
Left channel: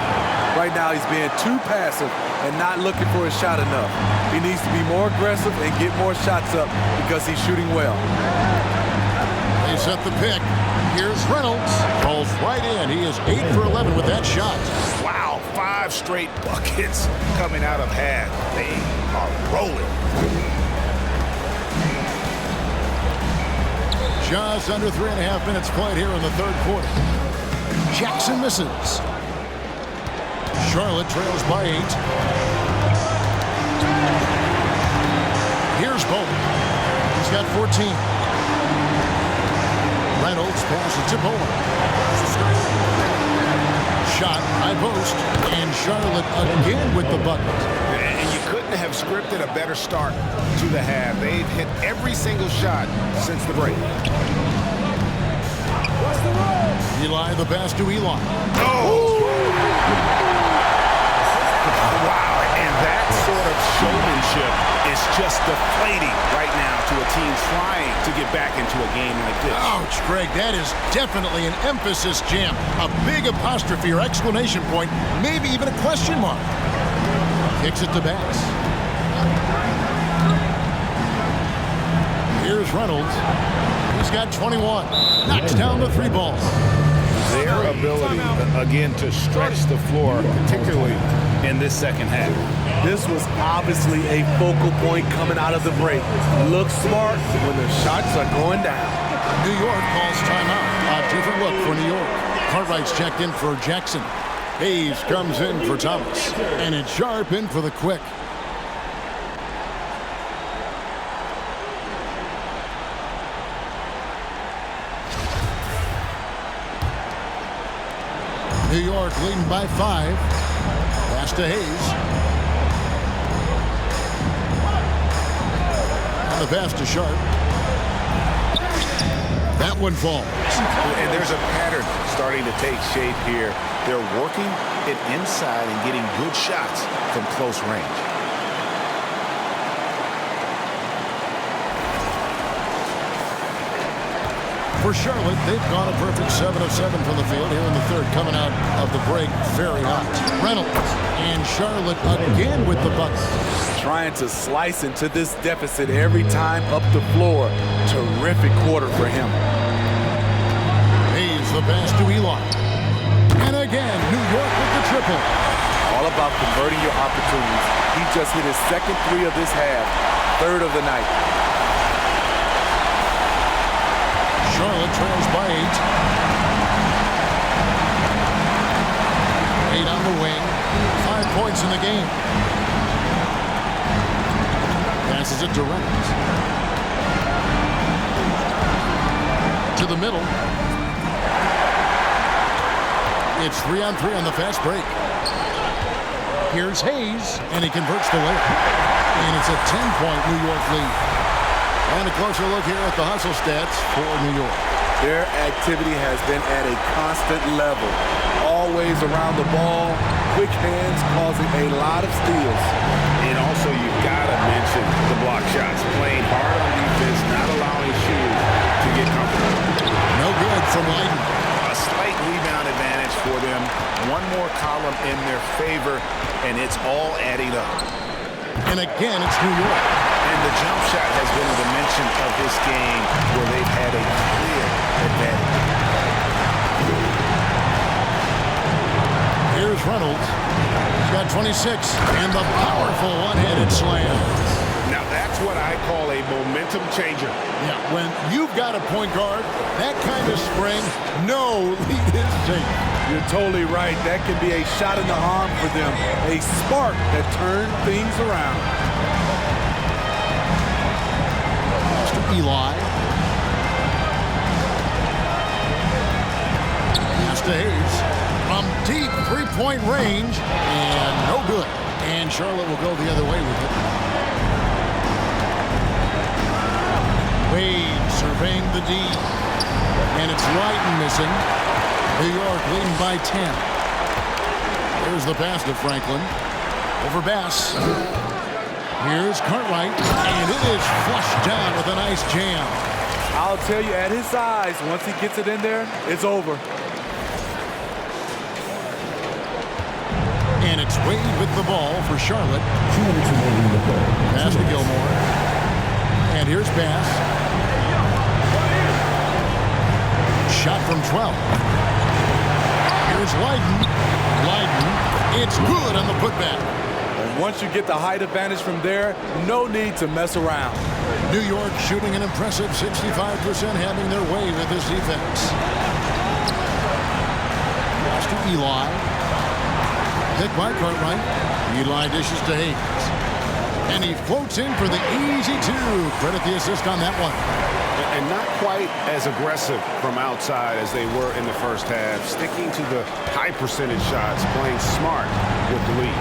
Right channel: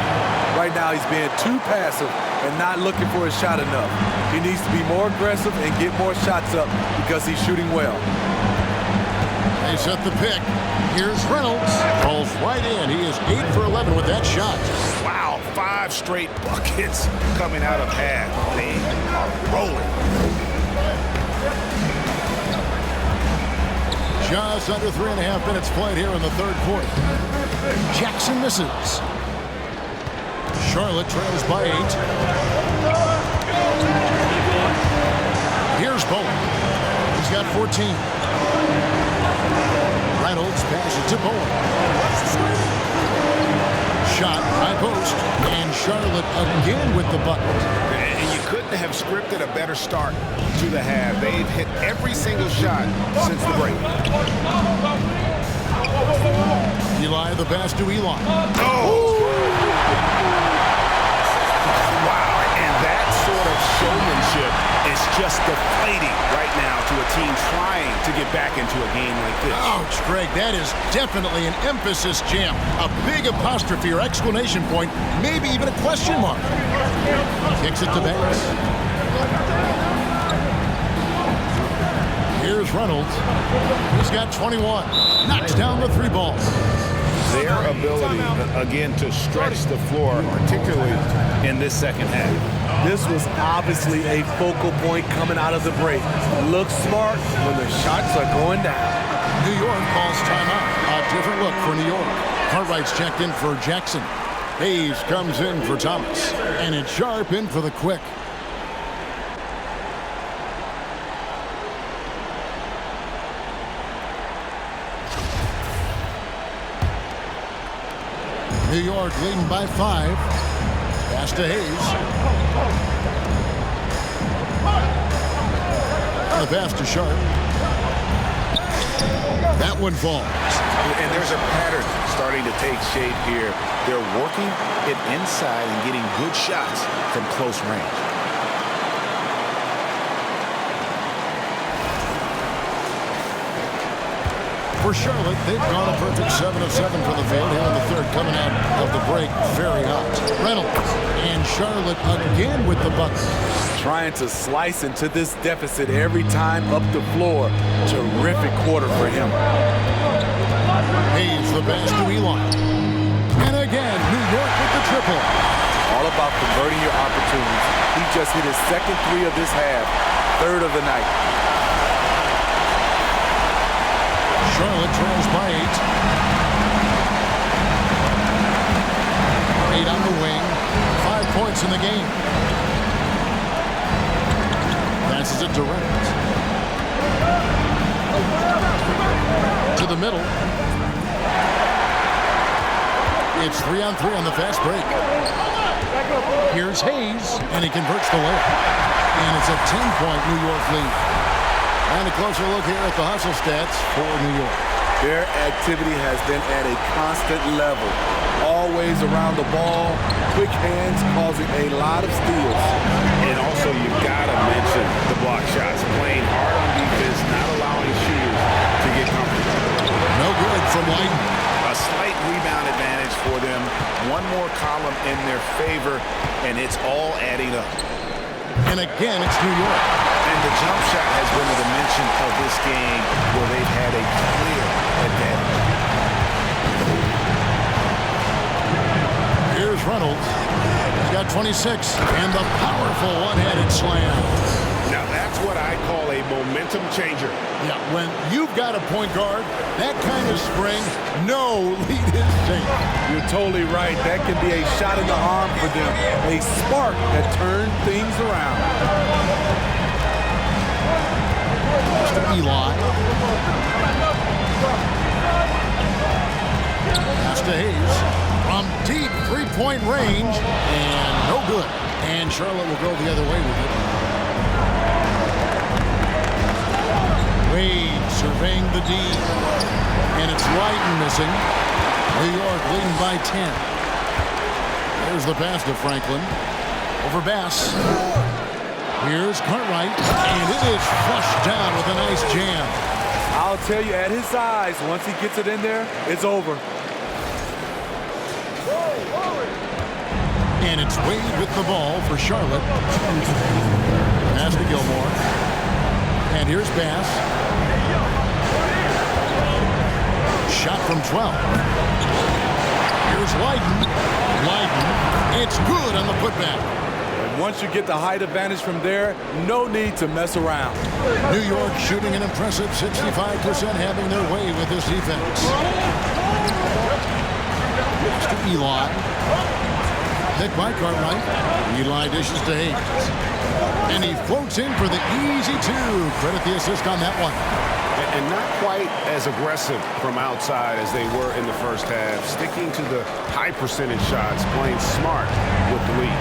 Right now he's being too passive and not looking for his shot enough. He needs to be more aggressive and get more shots up because he's shooting well. They set the pick. Here's Reynolds. Falls right in. He is 8 for 11 with that shot. Wow, 5 straight buckets coming out of half. They are rolling. Just under 3.5 minutes played here in the third quarter. Jackson misses. Charlotte trails by 8. Here's Bowen. He's got 14. Reynolds passes to Bowen. Shot, high post, and Charlotte again with the bucket. And you couldn't have scripted a better start to the half. They've hit every single shot since the break. Eli, the pass to Eli. Oh! Wow, and that sort of showmanship is just deflating right now to a team trying to get back into a game like this. Ouch, Greg, that is definitely an emphasis jam. A big apostrophe or exclamation point, maybe even a question mark. Kicks it to Bass. Here's Reynolds. He's got 21. Knocks down the 3 ball. Their ability, again, to stretch the floor, particularly in this second half. This was obviously a focal point coming out of the break. Looks smart when the shots are going down. New York calls timeout. A different look for New York. Cartwright's checked in for Jackson. Hayes comes in for Thomas. And it's Sharp in for the Quick. New York leading by 5. Pass to Hayes. And the pass to Sharp. That one falls. And there's a pattern starting to take shape here. They're working it inside and getting good shots from close range. For Charlotte, they've gone a perfect 7 of 7 from the field here in the third, coming out of the break very hot. Reynolds and Charlotte again with the bucket. Trying to slice into this deficit every time up the floor. Terrific quarter for him. Hayes the pass to Eli. And again, New York with the triple. All about converting your opportunities. He just hit his second 3 of this half, 3rd of the night. Charlotte trails by 8. 8 on the wing. 5 points in the game. Passes it to Reynolds. To the middle. It's 3 on 3 on the fast break. Here's Hayes, and he converts the layup. And it's a 10-point New York lead. And a closer look here at the hustle stats for New York. Their activity has been at a constant level. Always around the ball, quick hands causing a lot of steals. And also, you've got to mention the block shots. Playing hard on defense, not allowing shooters to get comfortable. No good from Leiden. A slight rebound advantage for them. One more column in their favor, and it's all adding up. And again, it's New York. And the jump shot has been a dimension of this game where they've had a clear advantage. Here's Reynolds. He's got 26. And the powerful one-handed slam. Now that's what I call a momentum changer. Yeah, when you've got a point guard, that kind of spring, no lead is safe. You're totally right. That can be a shot in the arm for them. A spark that turned things around. To Eli. Pass to Hayes from deep three-point range, and no good. And Charlotte will go the other way with it. Wade surveying the D, and it's Lighton missing. New York leading by 10. There's the pass to Franklin. Over Bass. Here's Cartwright, and it is flushed down with a nice jam. I'll tell you, at his size, once he gets it in there, it's over. And it's Wade with the ball for Charlotte. Pass to Gilmore. And here's Bass. Shot from 12. Here's Lighton. It's good on the putback. And once you get the height advantage from there, no need to mess around. New York shooting an impressive 65%, having their way with this defense. Pass to Eli. Picked by Cartwright. Eli dishes to Hayes. And he floats in for the easy two. Credit the assist on that one. And not quite as aggressive from outside as they were in the first half. Sticking to the high percentage shots, playing smart with the lead.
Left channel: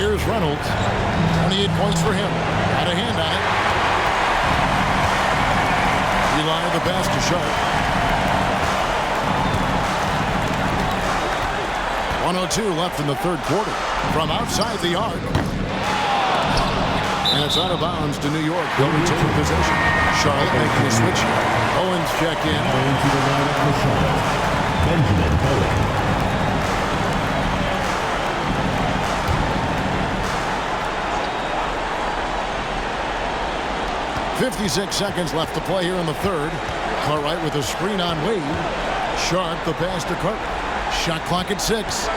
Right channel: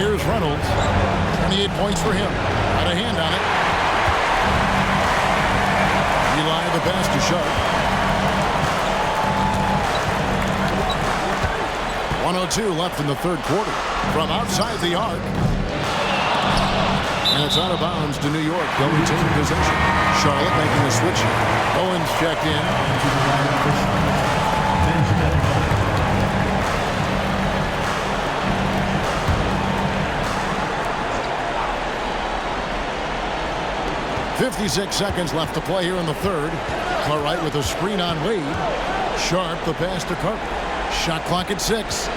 Here's Reynolds. 28 points for him. Got a hand on it. Eli the pass to Sharp. 1:02 left in the third quarter. From outside the arc. And it's out of bounds to New York. They'll retain possession. Charlotte making the switch. Owens checked in. Going to the lineup for Charlotte, Benjamin Owen. 56 seconds left to play here in the third. Cartwright with a screen on Wade. Sharp the pass to Cartwright. Shot clock at 6.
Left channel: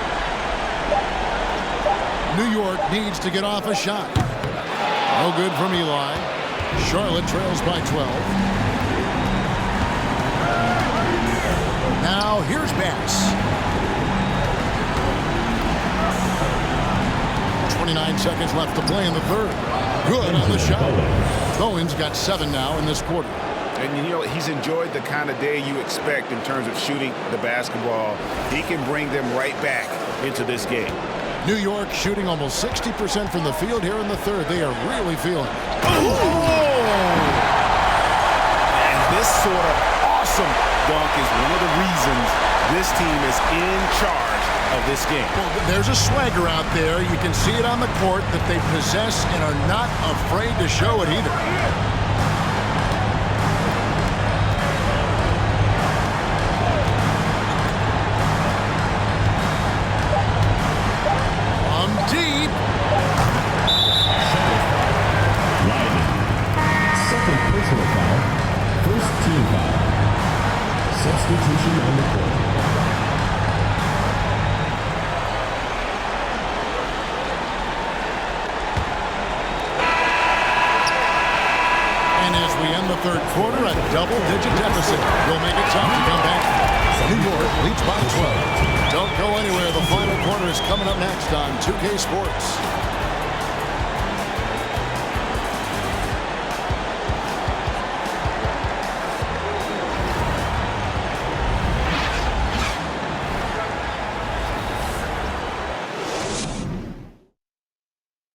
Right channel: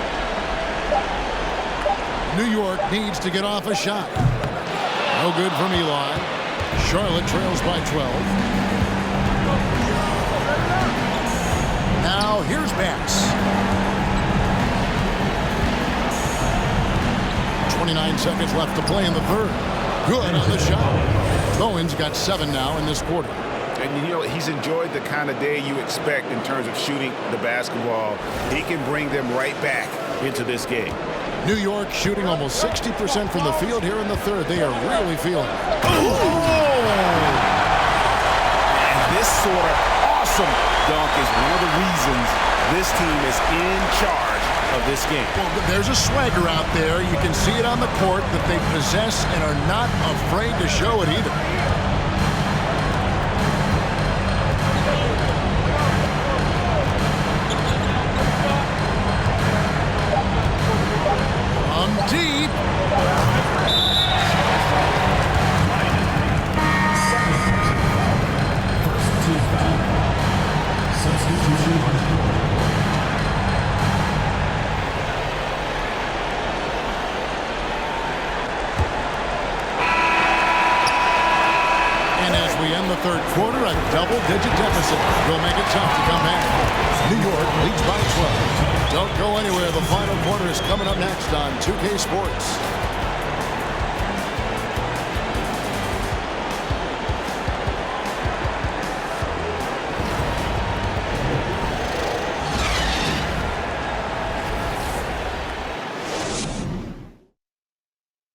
New York needs to get off a shot. No good from Eli. Charlotte trails by 12. Now here's Bass. 29 seconds left to play in the third. Good on the shot. Bowen's got 7 now in this quarter. And you know, he's enjoyed the kind of day you expect in terms of shooting the basketball. He can bring them right back into this game. New York shooting almost 60% from the field here in the third. They are really feeling it. And this sort of awesome dunk is one of the reasons this team is in charge of this game. Well, there's a swagger out there. You can see it on the court that they possess and are not afraid to show it either. From deep. Second personal foul. First team foul. Substitution on the court. And as we end the third quarter, a double-digit deficit will make it tough to come back. New York leads by 12. Don't go anywhere. The final quarter is coming up next on 2K Sports.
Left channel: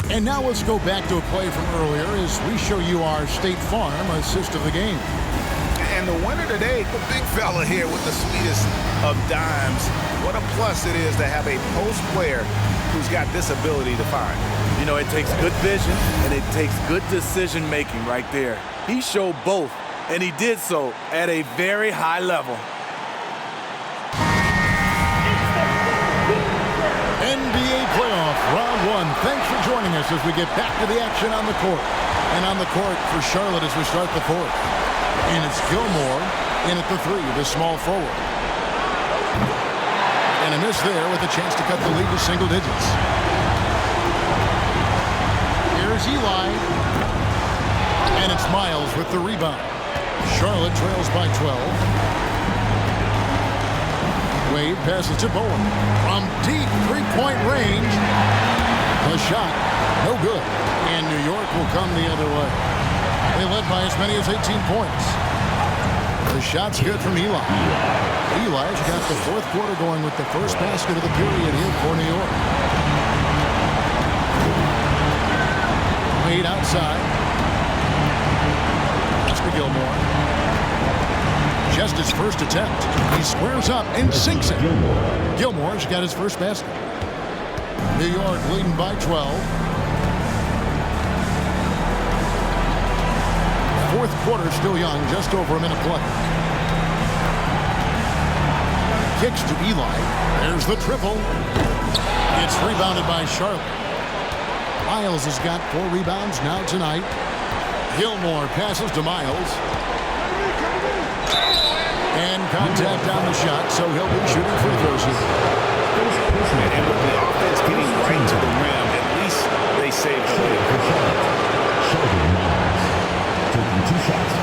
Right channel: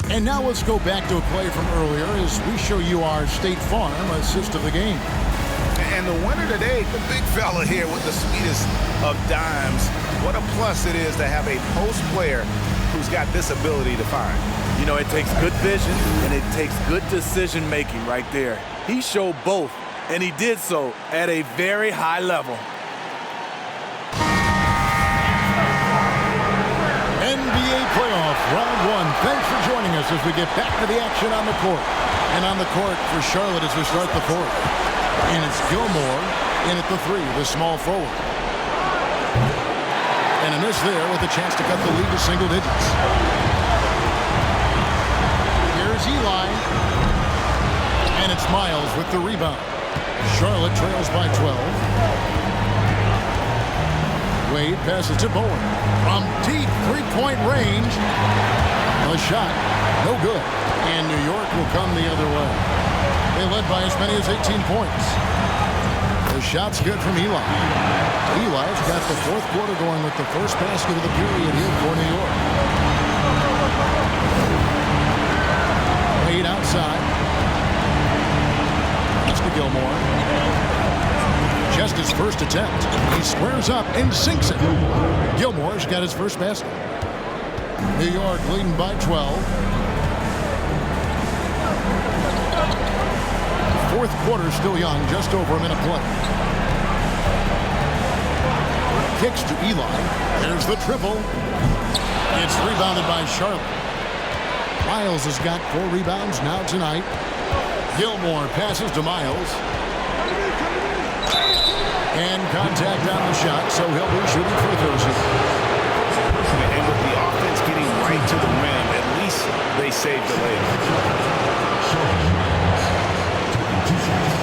And now let's go back to a play from earlier as we show you our State Farm assist of the game. And the winner today, the big fella here with the sweetest of dimes. What a plus it is to have a post player who's got this ability to find. You know, it takes good vision and it takes good decision making right there. He showed both, and he did so at a very high level. NBA playoff round 1. Thanks for joining us as we get back to the action on the court. And on the court for Charlotte as we start the fourth. And it's Gilmore in at the 3, the small forward. And a miss there with a chance to cut the lead to single digits. Here's Eli. And it's Miles with the rebound. Charlotte trails by 12. Wade passes to Bowen. From deep three-point range. A shot. No good. And New York will come the other way. They led by as many as 18 points. The shot's good from Eli. Eli's got the fourth quarter going with the first basket of the period here for New York. Wade outside. That's to Gilmore. Just his first attempt. He squares up and sinks it. Gilmore's got his first basket. New York leading by 12. Fourth quarter still young, just over a minute play. Kicks to Eli. There's the triple. It's rebounded by Charlotte. Miles has got 4 rebounds now tonight. Gilmore passes to Miles. And contact on the shot, so he'll be shooting free throws here. And with the offense getting right to the rim, at least they saved the layup. Taking 2 shots.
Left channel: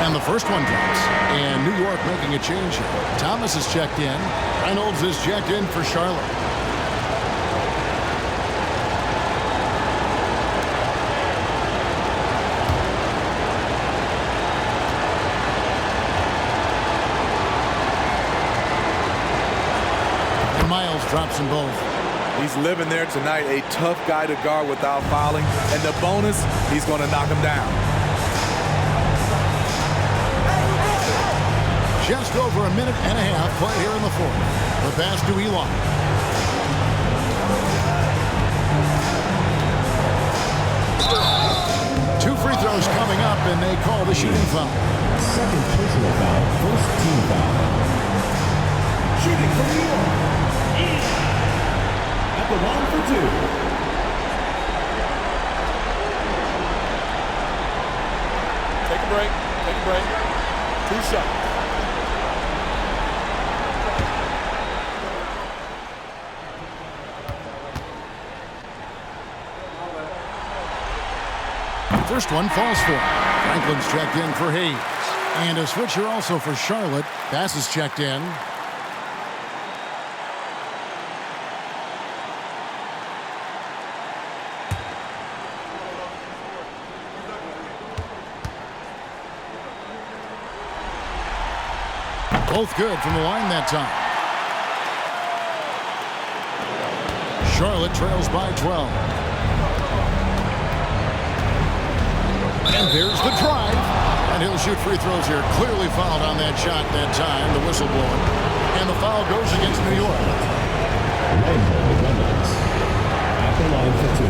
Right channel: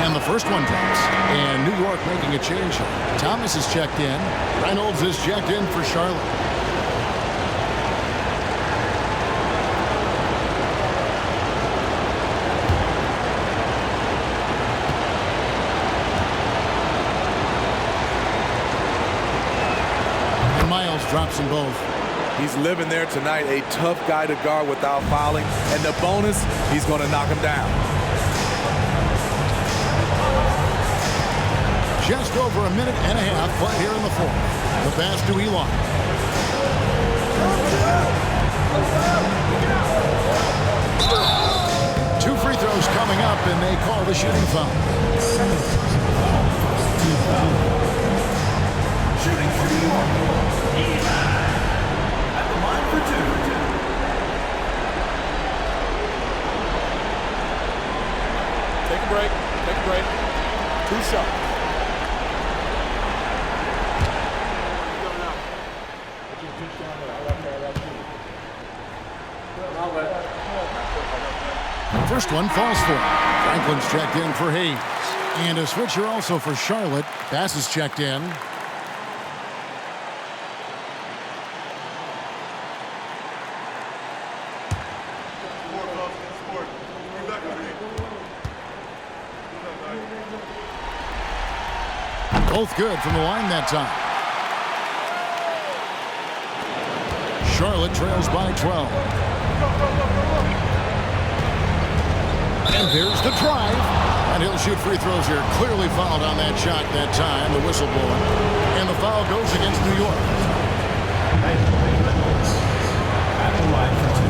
And the first one drops. And New York making a change here. Thomas is checked in. Reynolds is checked in for Charlotte. And Miles drops them both. He's living there tonight, a tough guy to guard without fouling. And the bonus, he's going to knock him down. Just over a minute and a half played here in the fourth. The pass to Eli. Two free throws coming up, and they call the shooting foul. Second personal foul, first team foul. Shooting for New York. At the line for 2. Take a break. Take a break. 2 shots. First one falls for him. Franklin's checked in for Hayes. And a switcher also for Charlotte. Bass is checked in. Both good from the line that time. Charlotte trails by 12. And there's the drive. And he'll shoot free throws here. Clearly fouled on that shot that time. The whistle blowing. And the foul goes against New York. Reynolds. At the line for 2.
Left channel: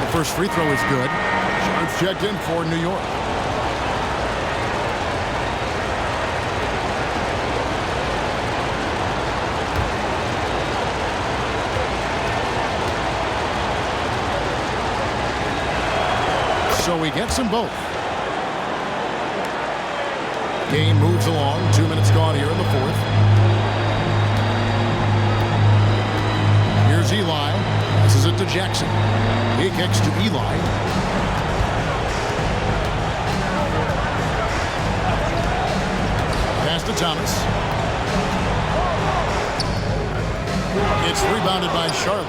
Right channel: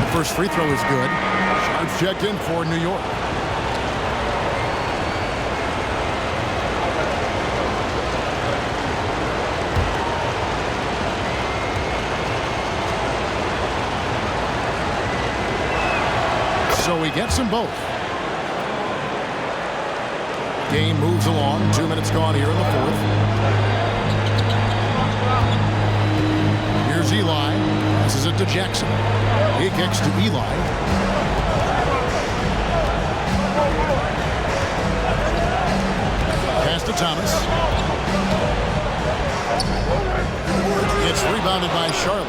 The first free throw is good. Sharp's checked in for New York. So he gets them both. Game moves along. 2 minutes gone here in the fourth. Here's Eli. Passes it to Jackson. He kicks to Eli. Pass to Thomas. It's rebounded by Charlotte.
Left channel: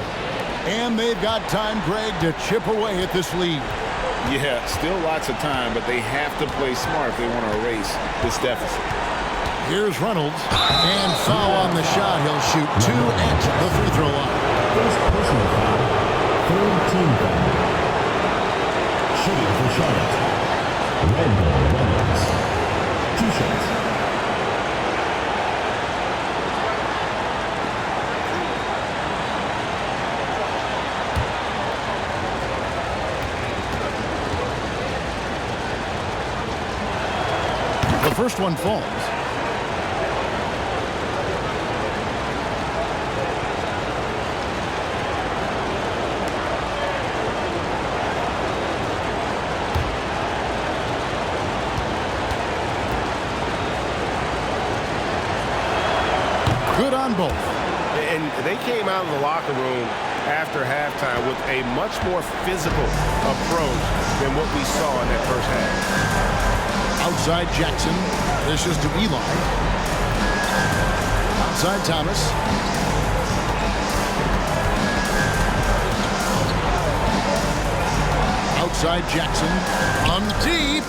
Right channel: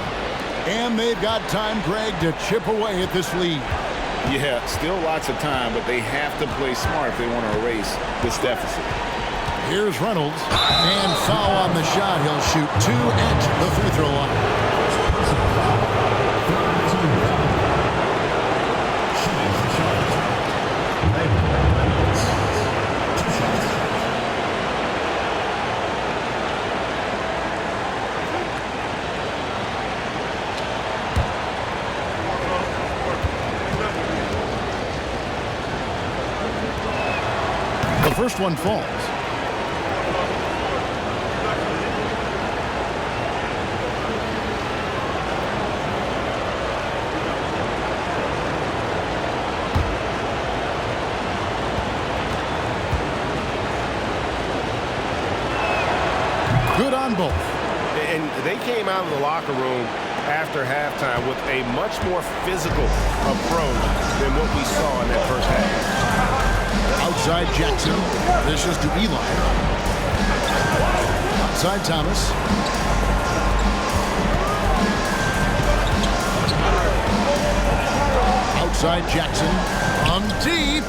And they've got time, Greg, to chip away at this lead. Yeah, still lots of time, but they have to play smart if they want to erase this deficit. Here's Reynolds. And foul on the shot. He'll shoot 2 at the free throw line. First personal foul, third team foul. Shooting for Charlotte. Reynolds. 2 shots. The first one falls. Good on both. And they came out of the locker room after halftime with a much more physical approach than what we saw in that first half. Outside Jackson. This is to Eli. Outside Thomas. Outside Jackson. On deep.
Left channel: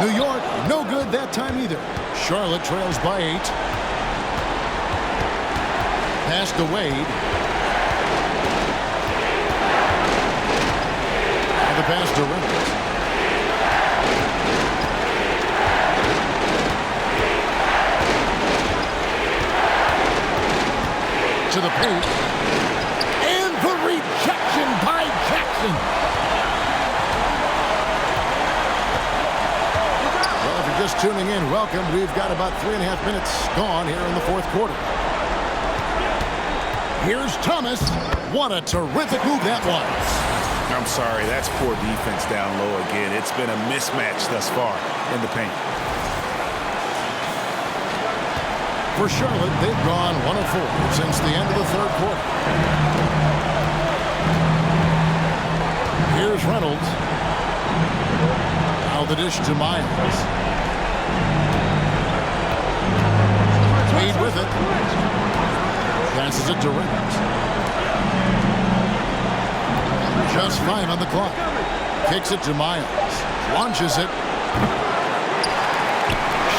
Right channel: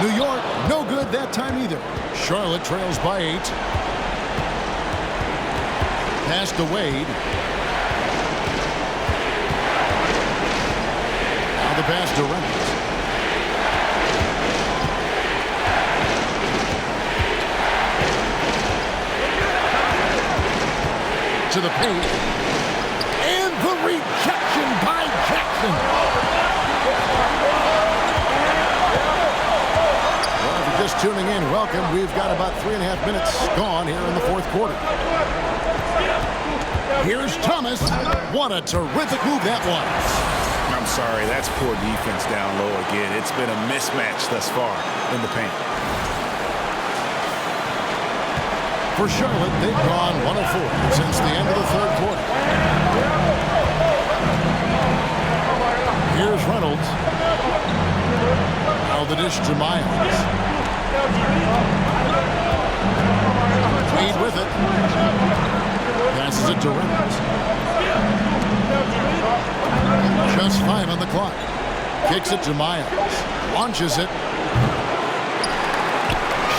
New York, no good that time either. Charlotte trails by 8. Pass to Wade. Now the pass to Reynolds. To the paint. And the rejection by Jackson. Well, if you're just tuning in, welcome. We've got about 3.5 minutes gone here in the fourth quarter. Here's Thomas. What a terrific move that was. I'm sorry, that's poor defense down low again. It's been a mismatch thus far in the paint. For Charlotte, they've gone 1 of 4 since the end of the third quarter. Here's Reynolds. Now the dish to Miles. Wade with it. Passes it to Reynolds. Just 5 on the clock. Kicks it to Miles. Launches it.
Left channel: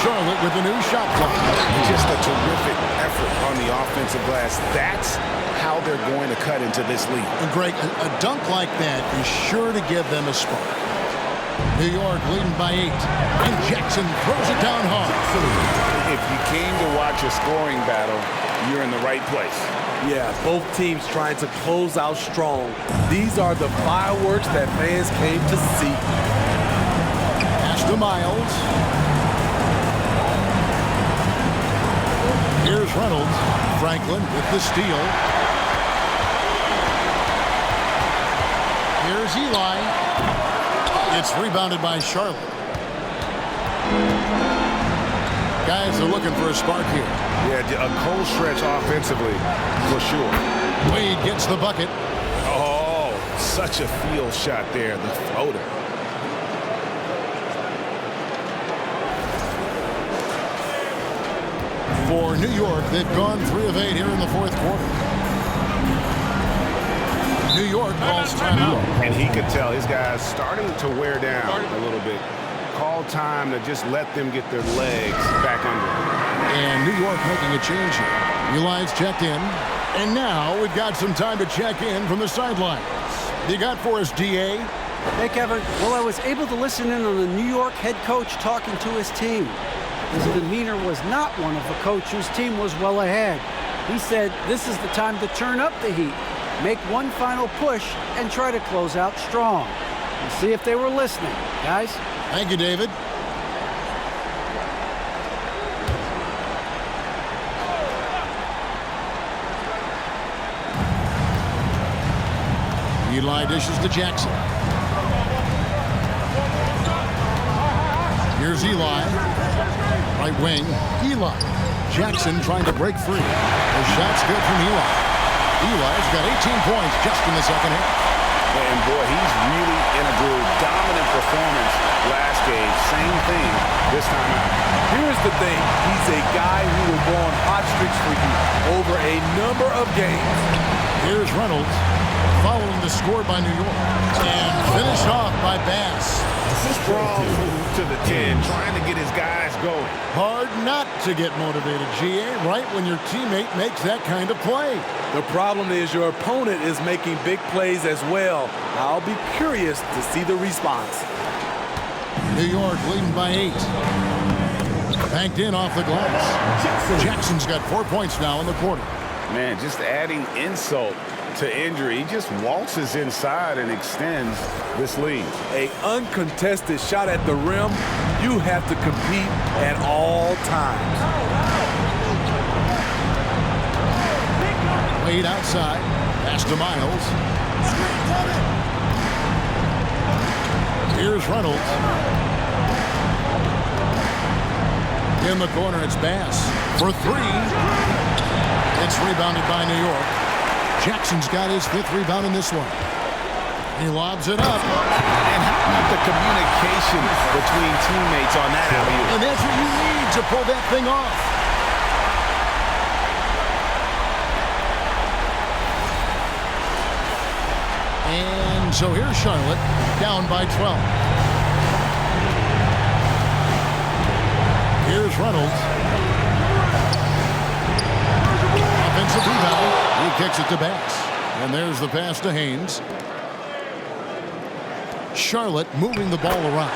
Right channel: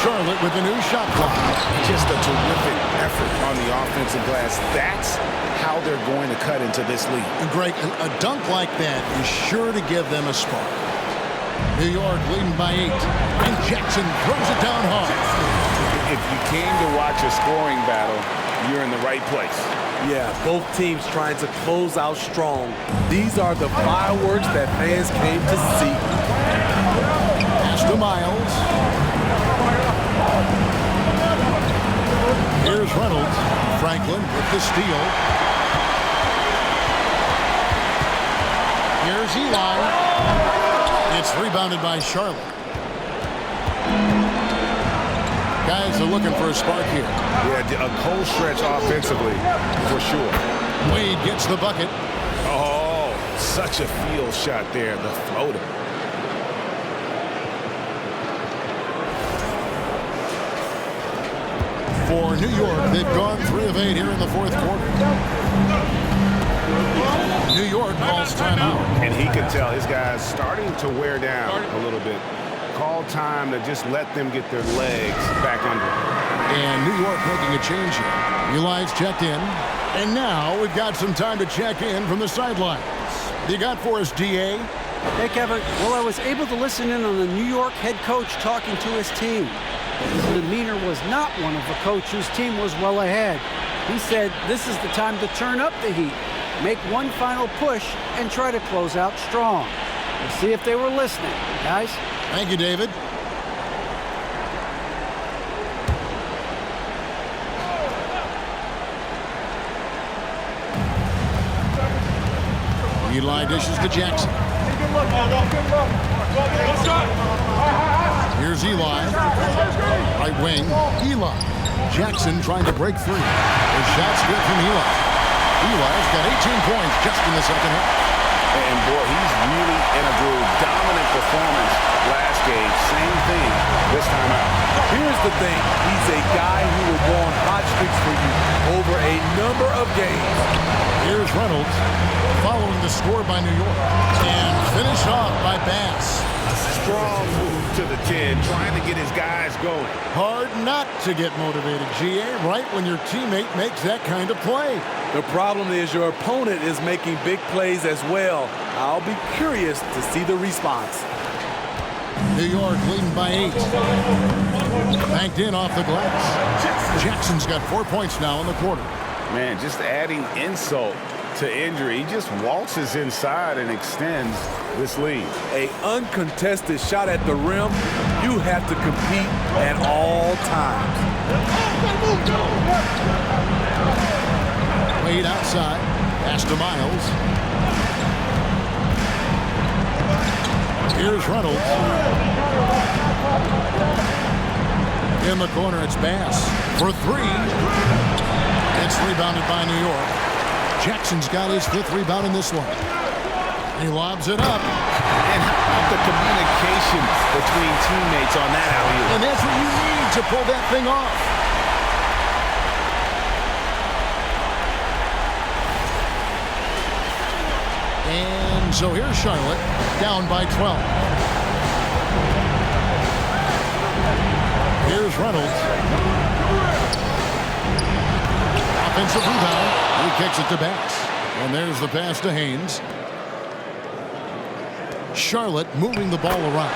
Charlotte with the new shot clock. Just a terrific effort on the offensive glass. That's how they're going to cut into this lead. And Greg, a dunk like that is sure to give them a spark. New York leading by 8. And Jackson throws it down hard. If you came to watch a scoring battle, you're in the right place. Yeah, both teams trying to close out strong. These are the fireworks that fans came to see. Pass to Miles. Here's Reynolds. Franklin with the steal. Here's Eli. It's rebounded by Charlotte. Guys are looking for a spark here. Yeah, a cold stretch offensively, for sure. Wade gets the bucket. Oh, such a field shot there, the floater. For New York, they've gone 3 of 8 here in the fourth quarter. New York calls timeout. And he could tell his guys starting to wear down a little bit. Call time to just let them get their legs back under them. And New York making a change here. Eli's checked in. And now we've got some time to check in from the sidelines. What you got for us, DA? Hey, Kevin. Well, I was able to listen in on the New York head coach talking to his team. His demeanor was not one of a coach whose team was well ahead. He said this is the time to turn up the heat, make one final push, and try to close out strong. We'll see if they were listening, guys. Thank you, David. Eli dishes to Jackson. Here's Eli. Right wing, Eli. Jackson trying to break free. The shot's good from Eli. Eli's got 18 points just in the second half. And boy, he's really in a groove. Dominant performance last game. Same thing this time out. Here's the thing. He's a guy who will go on hot streaks for you over a number of games. Here's Reynolds following the score by New York. And finished off by Bass. Strong move to the 10, trying to get his guys going. Hard not to get motivated, GA, right when your teammate makes that kind of play. The problem is your opponent is making big plays as well. I'll be curious to see the response. New York leading by 8. Banked in off the glass. Jackson's got 4 points now in the quarter. Man, just adding insult to injury. He just waltzes inside and extends this lead. An uncontested shot at the rim, you have to compete at all times. Wade outside. Pass to Miles. Here's Reynolds. In the corner, it's Bass. for three. It's rebounded by New York. Jackson's got his 5th rebound in this one. He lobs it up. And how about the communication between teammates on that alley-oop? And that's what you need to pull that thing off. And so here's Charlotte, down by 12. Here's Reynolds. Offensive rebound. He kicks it to Bass. And there's the pass to Haynes. Charlotte moving the ball around.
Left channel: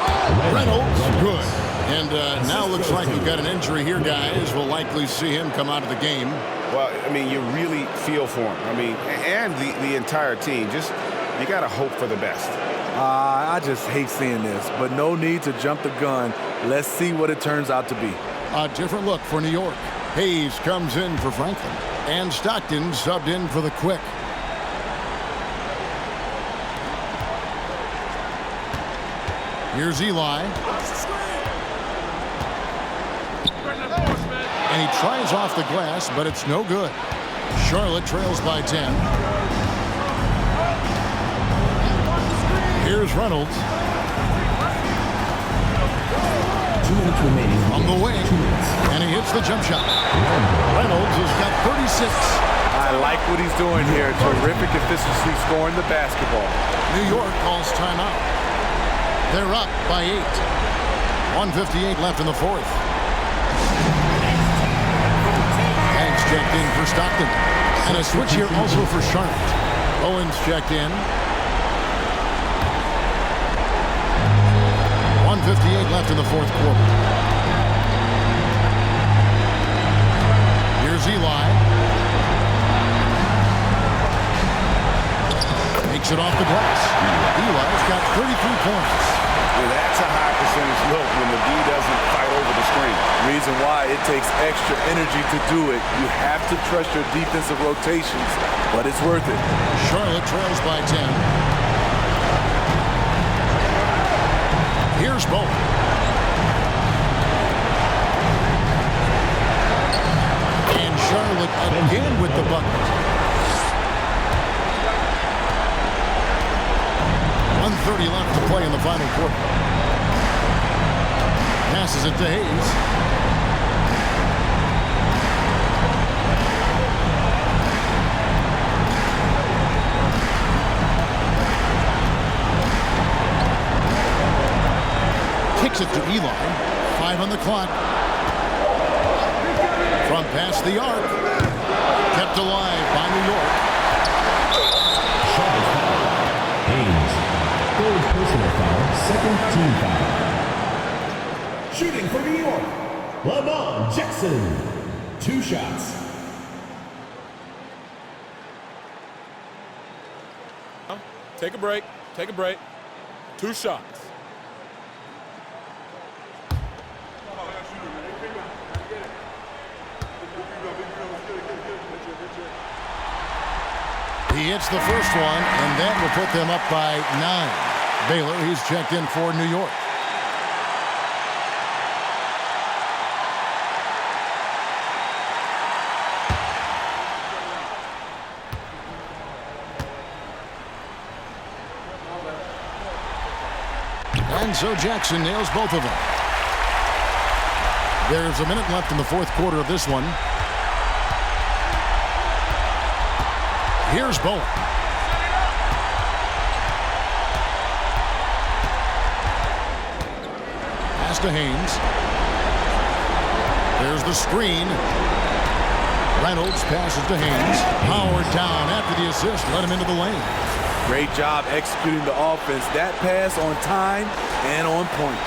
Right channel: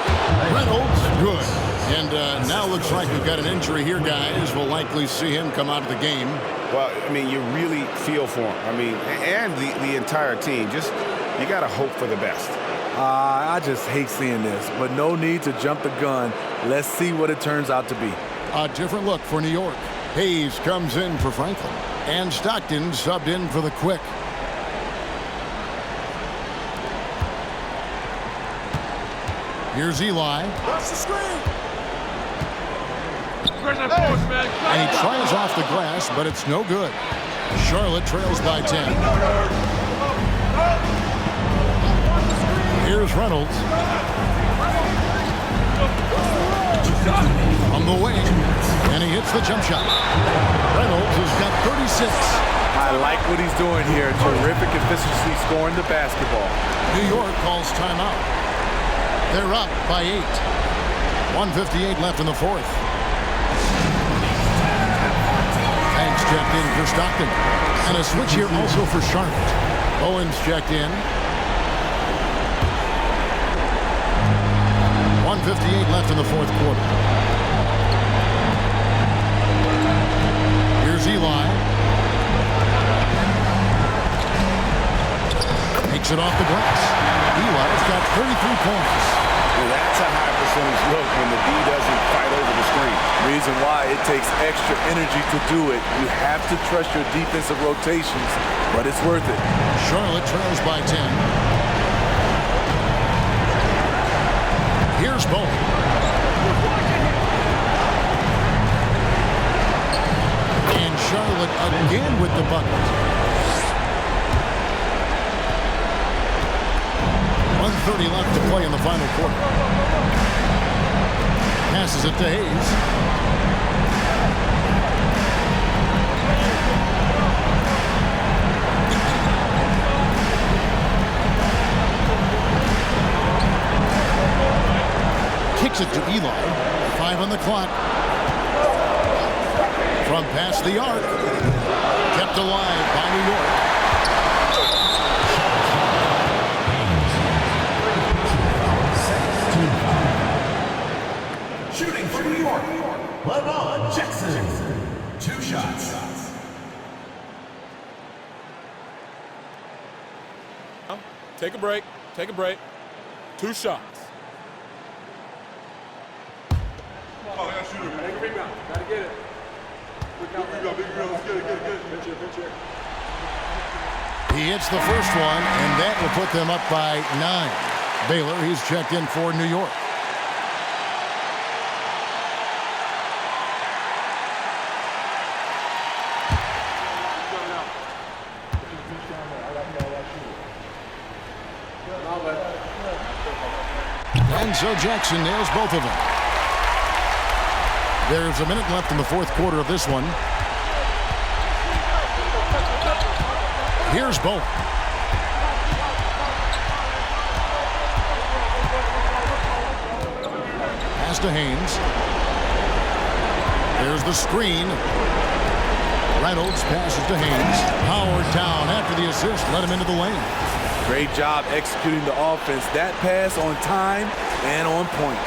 Reynolds, good. And now looks like we've got an injury here, guys. We'll likely see him come out of the game. Well, I mean, you really feel for him. I mean, and the entire team. Just, you got to hope for the best. I just hate seeing this, but no need to jump the gun. Let's see what it turns out to be. A different look for New York. Hayes comes in for Franklin. And Stockton subbed in for the Quick. Here's Eli. And he tries off the glass, but it's no good. Charlotte trails by 10. Here's Reynolds. On the wing, and he hits the jump shot. Reynolds has got 36. I like what he's doing here. Terrific efficiency scoring the basketball. New York calls timeout. They're up by 8. 1:58 left in the 4th. Banks checked in for Stockton. And a switch here also for Charlotte. Owens checked in. 1:58 left in the 4th quarter. Here's Eli. Takes it off the glass. Eli's got 33 points. Now that's a high percentage look when the D doesn't fight over the screen. Reason why it takes extra energy to do it. You have to trust your defensive rotations, but it's worth it. Charlotte trails by 10. Here's Bowen. And Charlotte again with the bucket. 1:30 left to play in the final quarter. Passes it to Hayes. Kicks it to Eli. 5 on the clock. From past the arc. Kept alive by New York. Second team foul. Shooting for New York, LeBron Jackson. 2 shots. Take a break. Take a break. 2 shots. Oh, yeah, shooter, man. Big rebound. Gotta get it. Big rebound. Let's get it. Pitch here. He hits the first one, and that will put them up by 9. Baylor, he's checked in for New York. And so Jackson nails both of them. There's a minute left in the 4th quarter of this one. Here's Bowen. Pass to Haynes. There's the screen. Reynolds passes to Haynes. Howard down after the assist. Let him into the lane. Great job executing the offense. That pass on time and on point.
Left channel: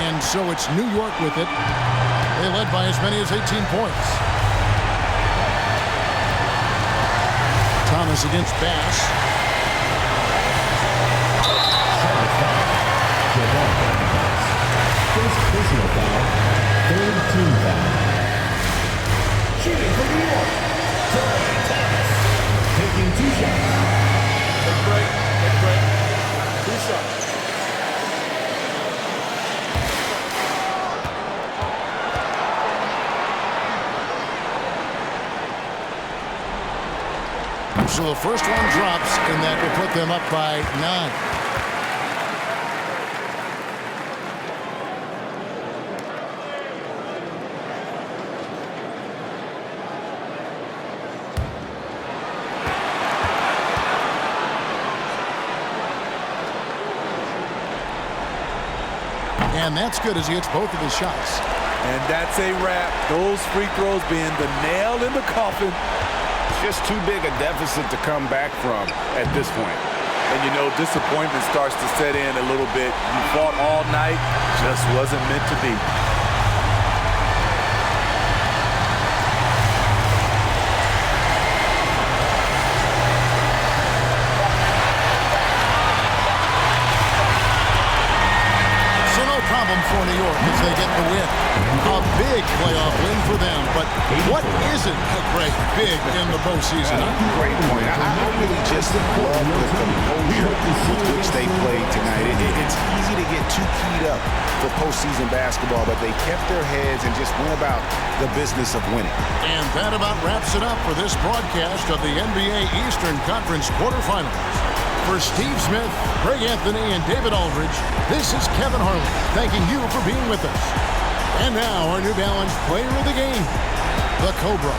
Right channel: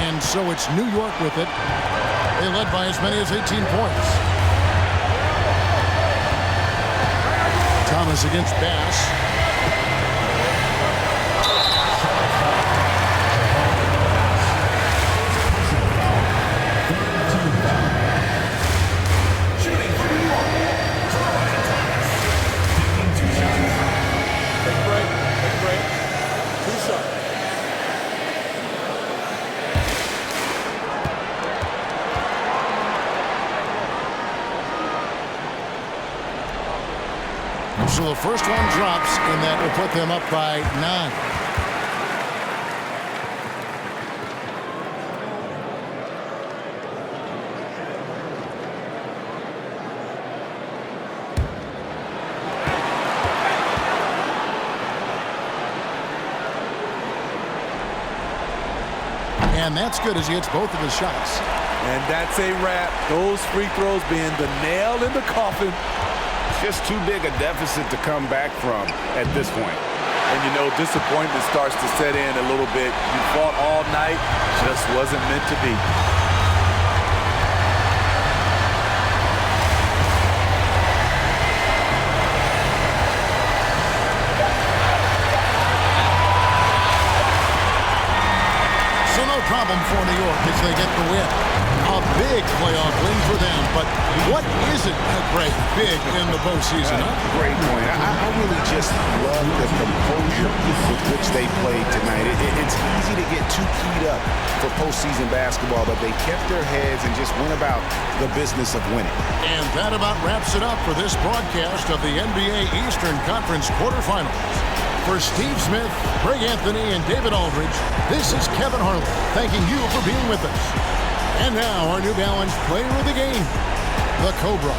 And so it's New York with it. They led by as many as 18 points. Thomas against Bass. Shooting for New York, taking 2 shots. Take a break. 2 shots. So the first one drops, and that will put them up by 9. And that's good as he hits both of his shots. And that's a wrap. Those free throws being the nail in the coffin. Just too big a deficit to come back from at this point. And you know, disappointment starts to set in a little bit. You fought all night, just wasn't meant to be. So no problem for New York as they get the win. A big playoff win for them, but what isn't a great big in the postseason? Huh? Great point. I really just love the composure with which they played tonight. It's easy to get too keyed up for postseason basketball, but they kept their heads and just went about the business of winning. And that about wraps it up for this broadcast of the NBA Eastern Conference quarterfinals. For Steve Smith, Greg Anthony, and David Aldridge, this is Kevin Harlan thanking you for being with us. And now our New Balance player of the game, the Cobra.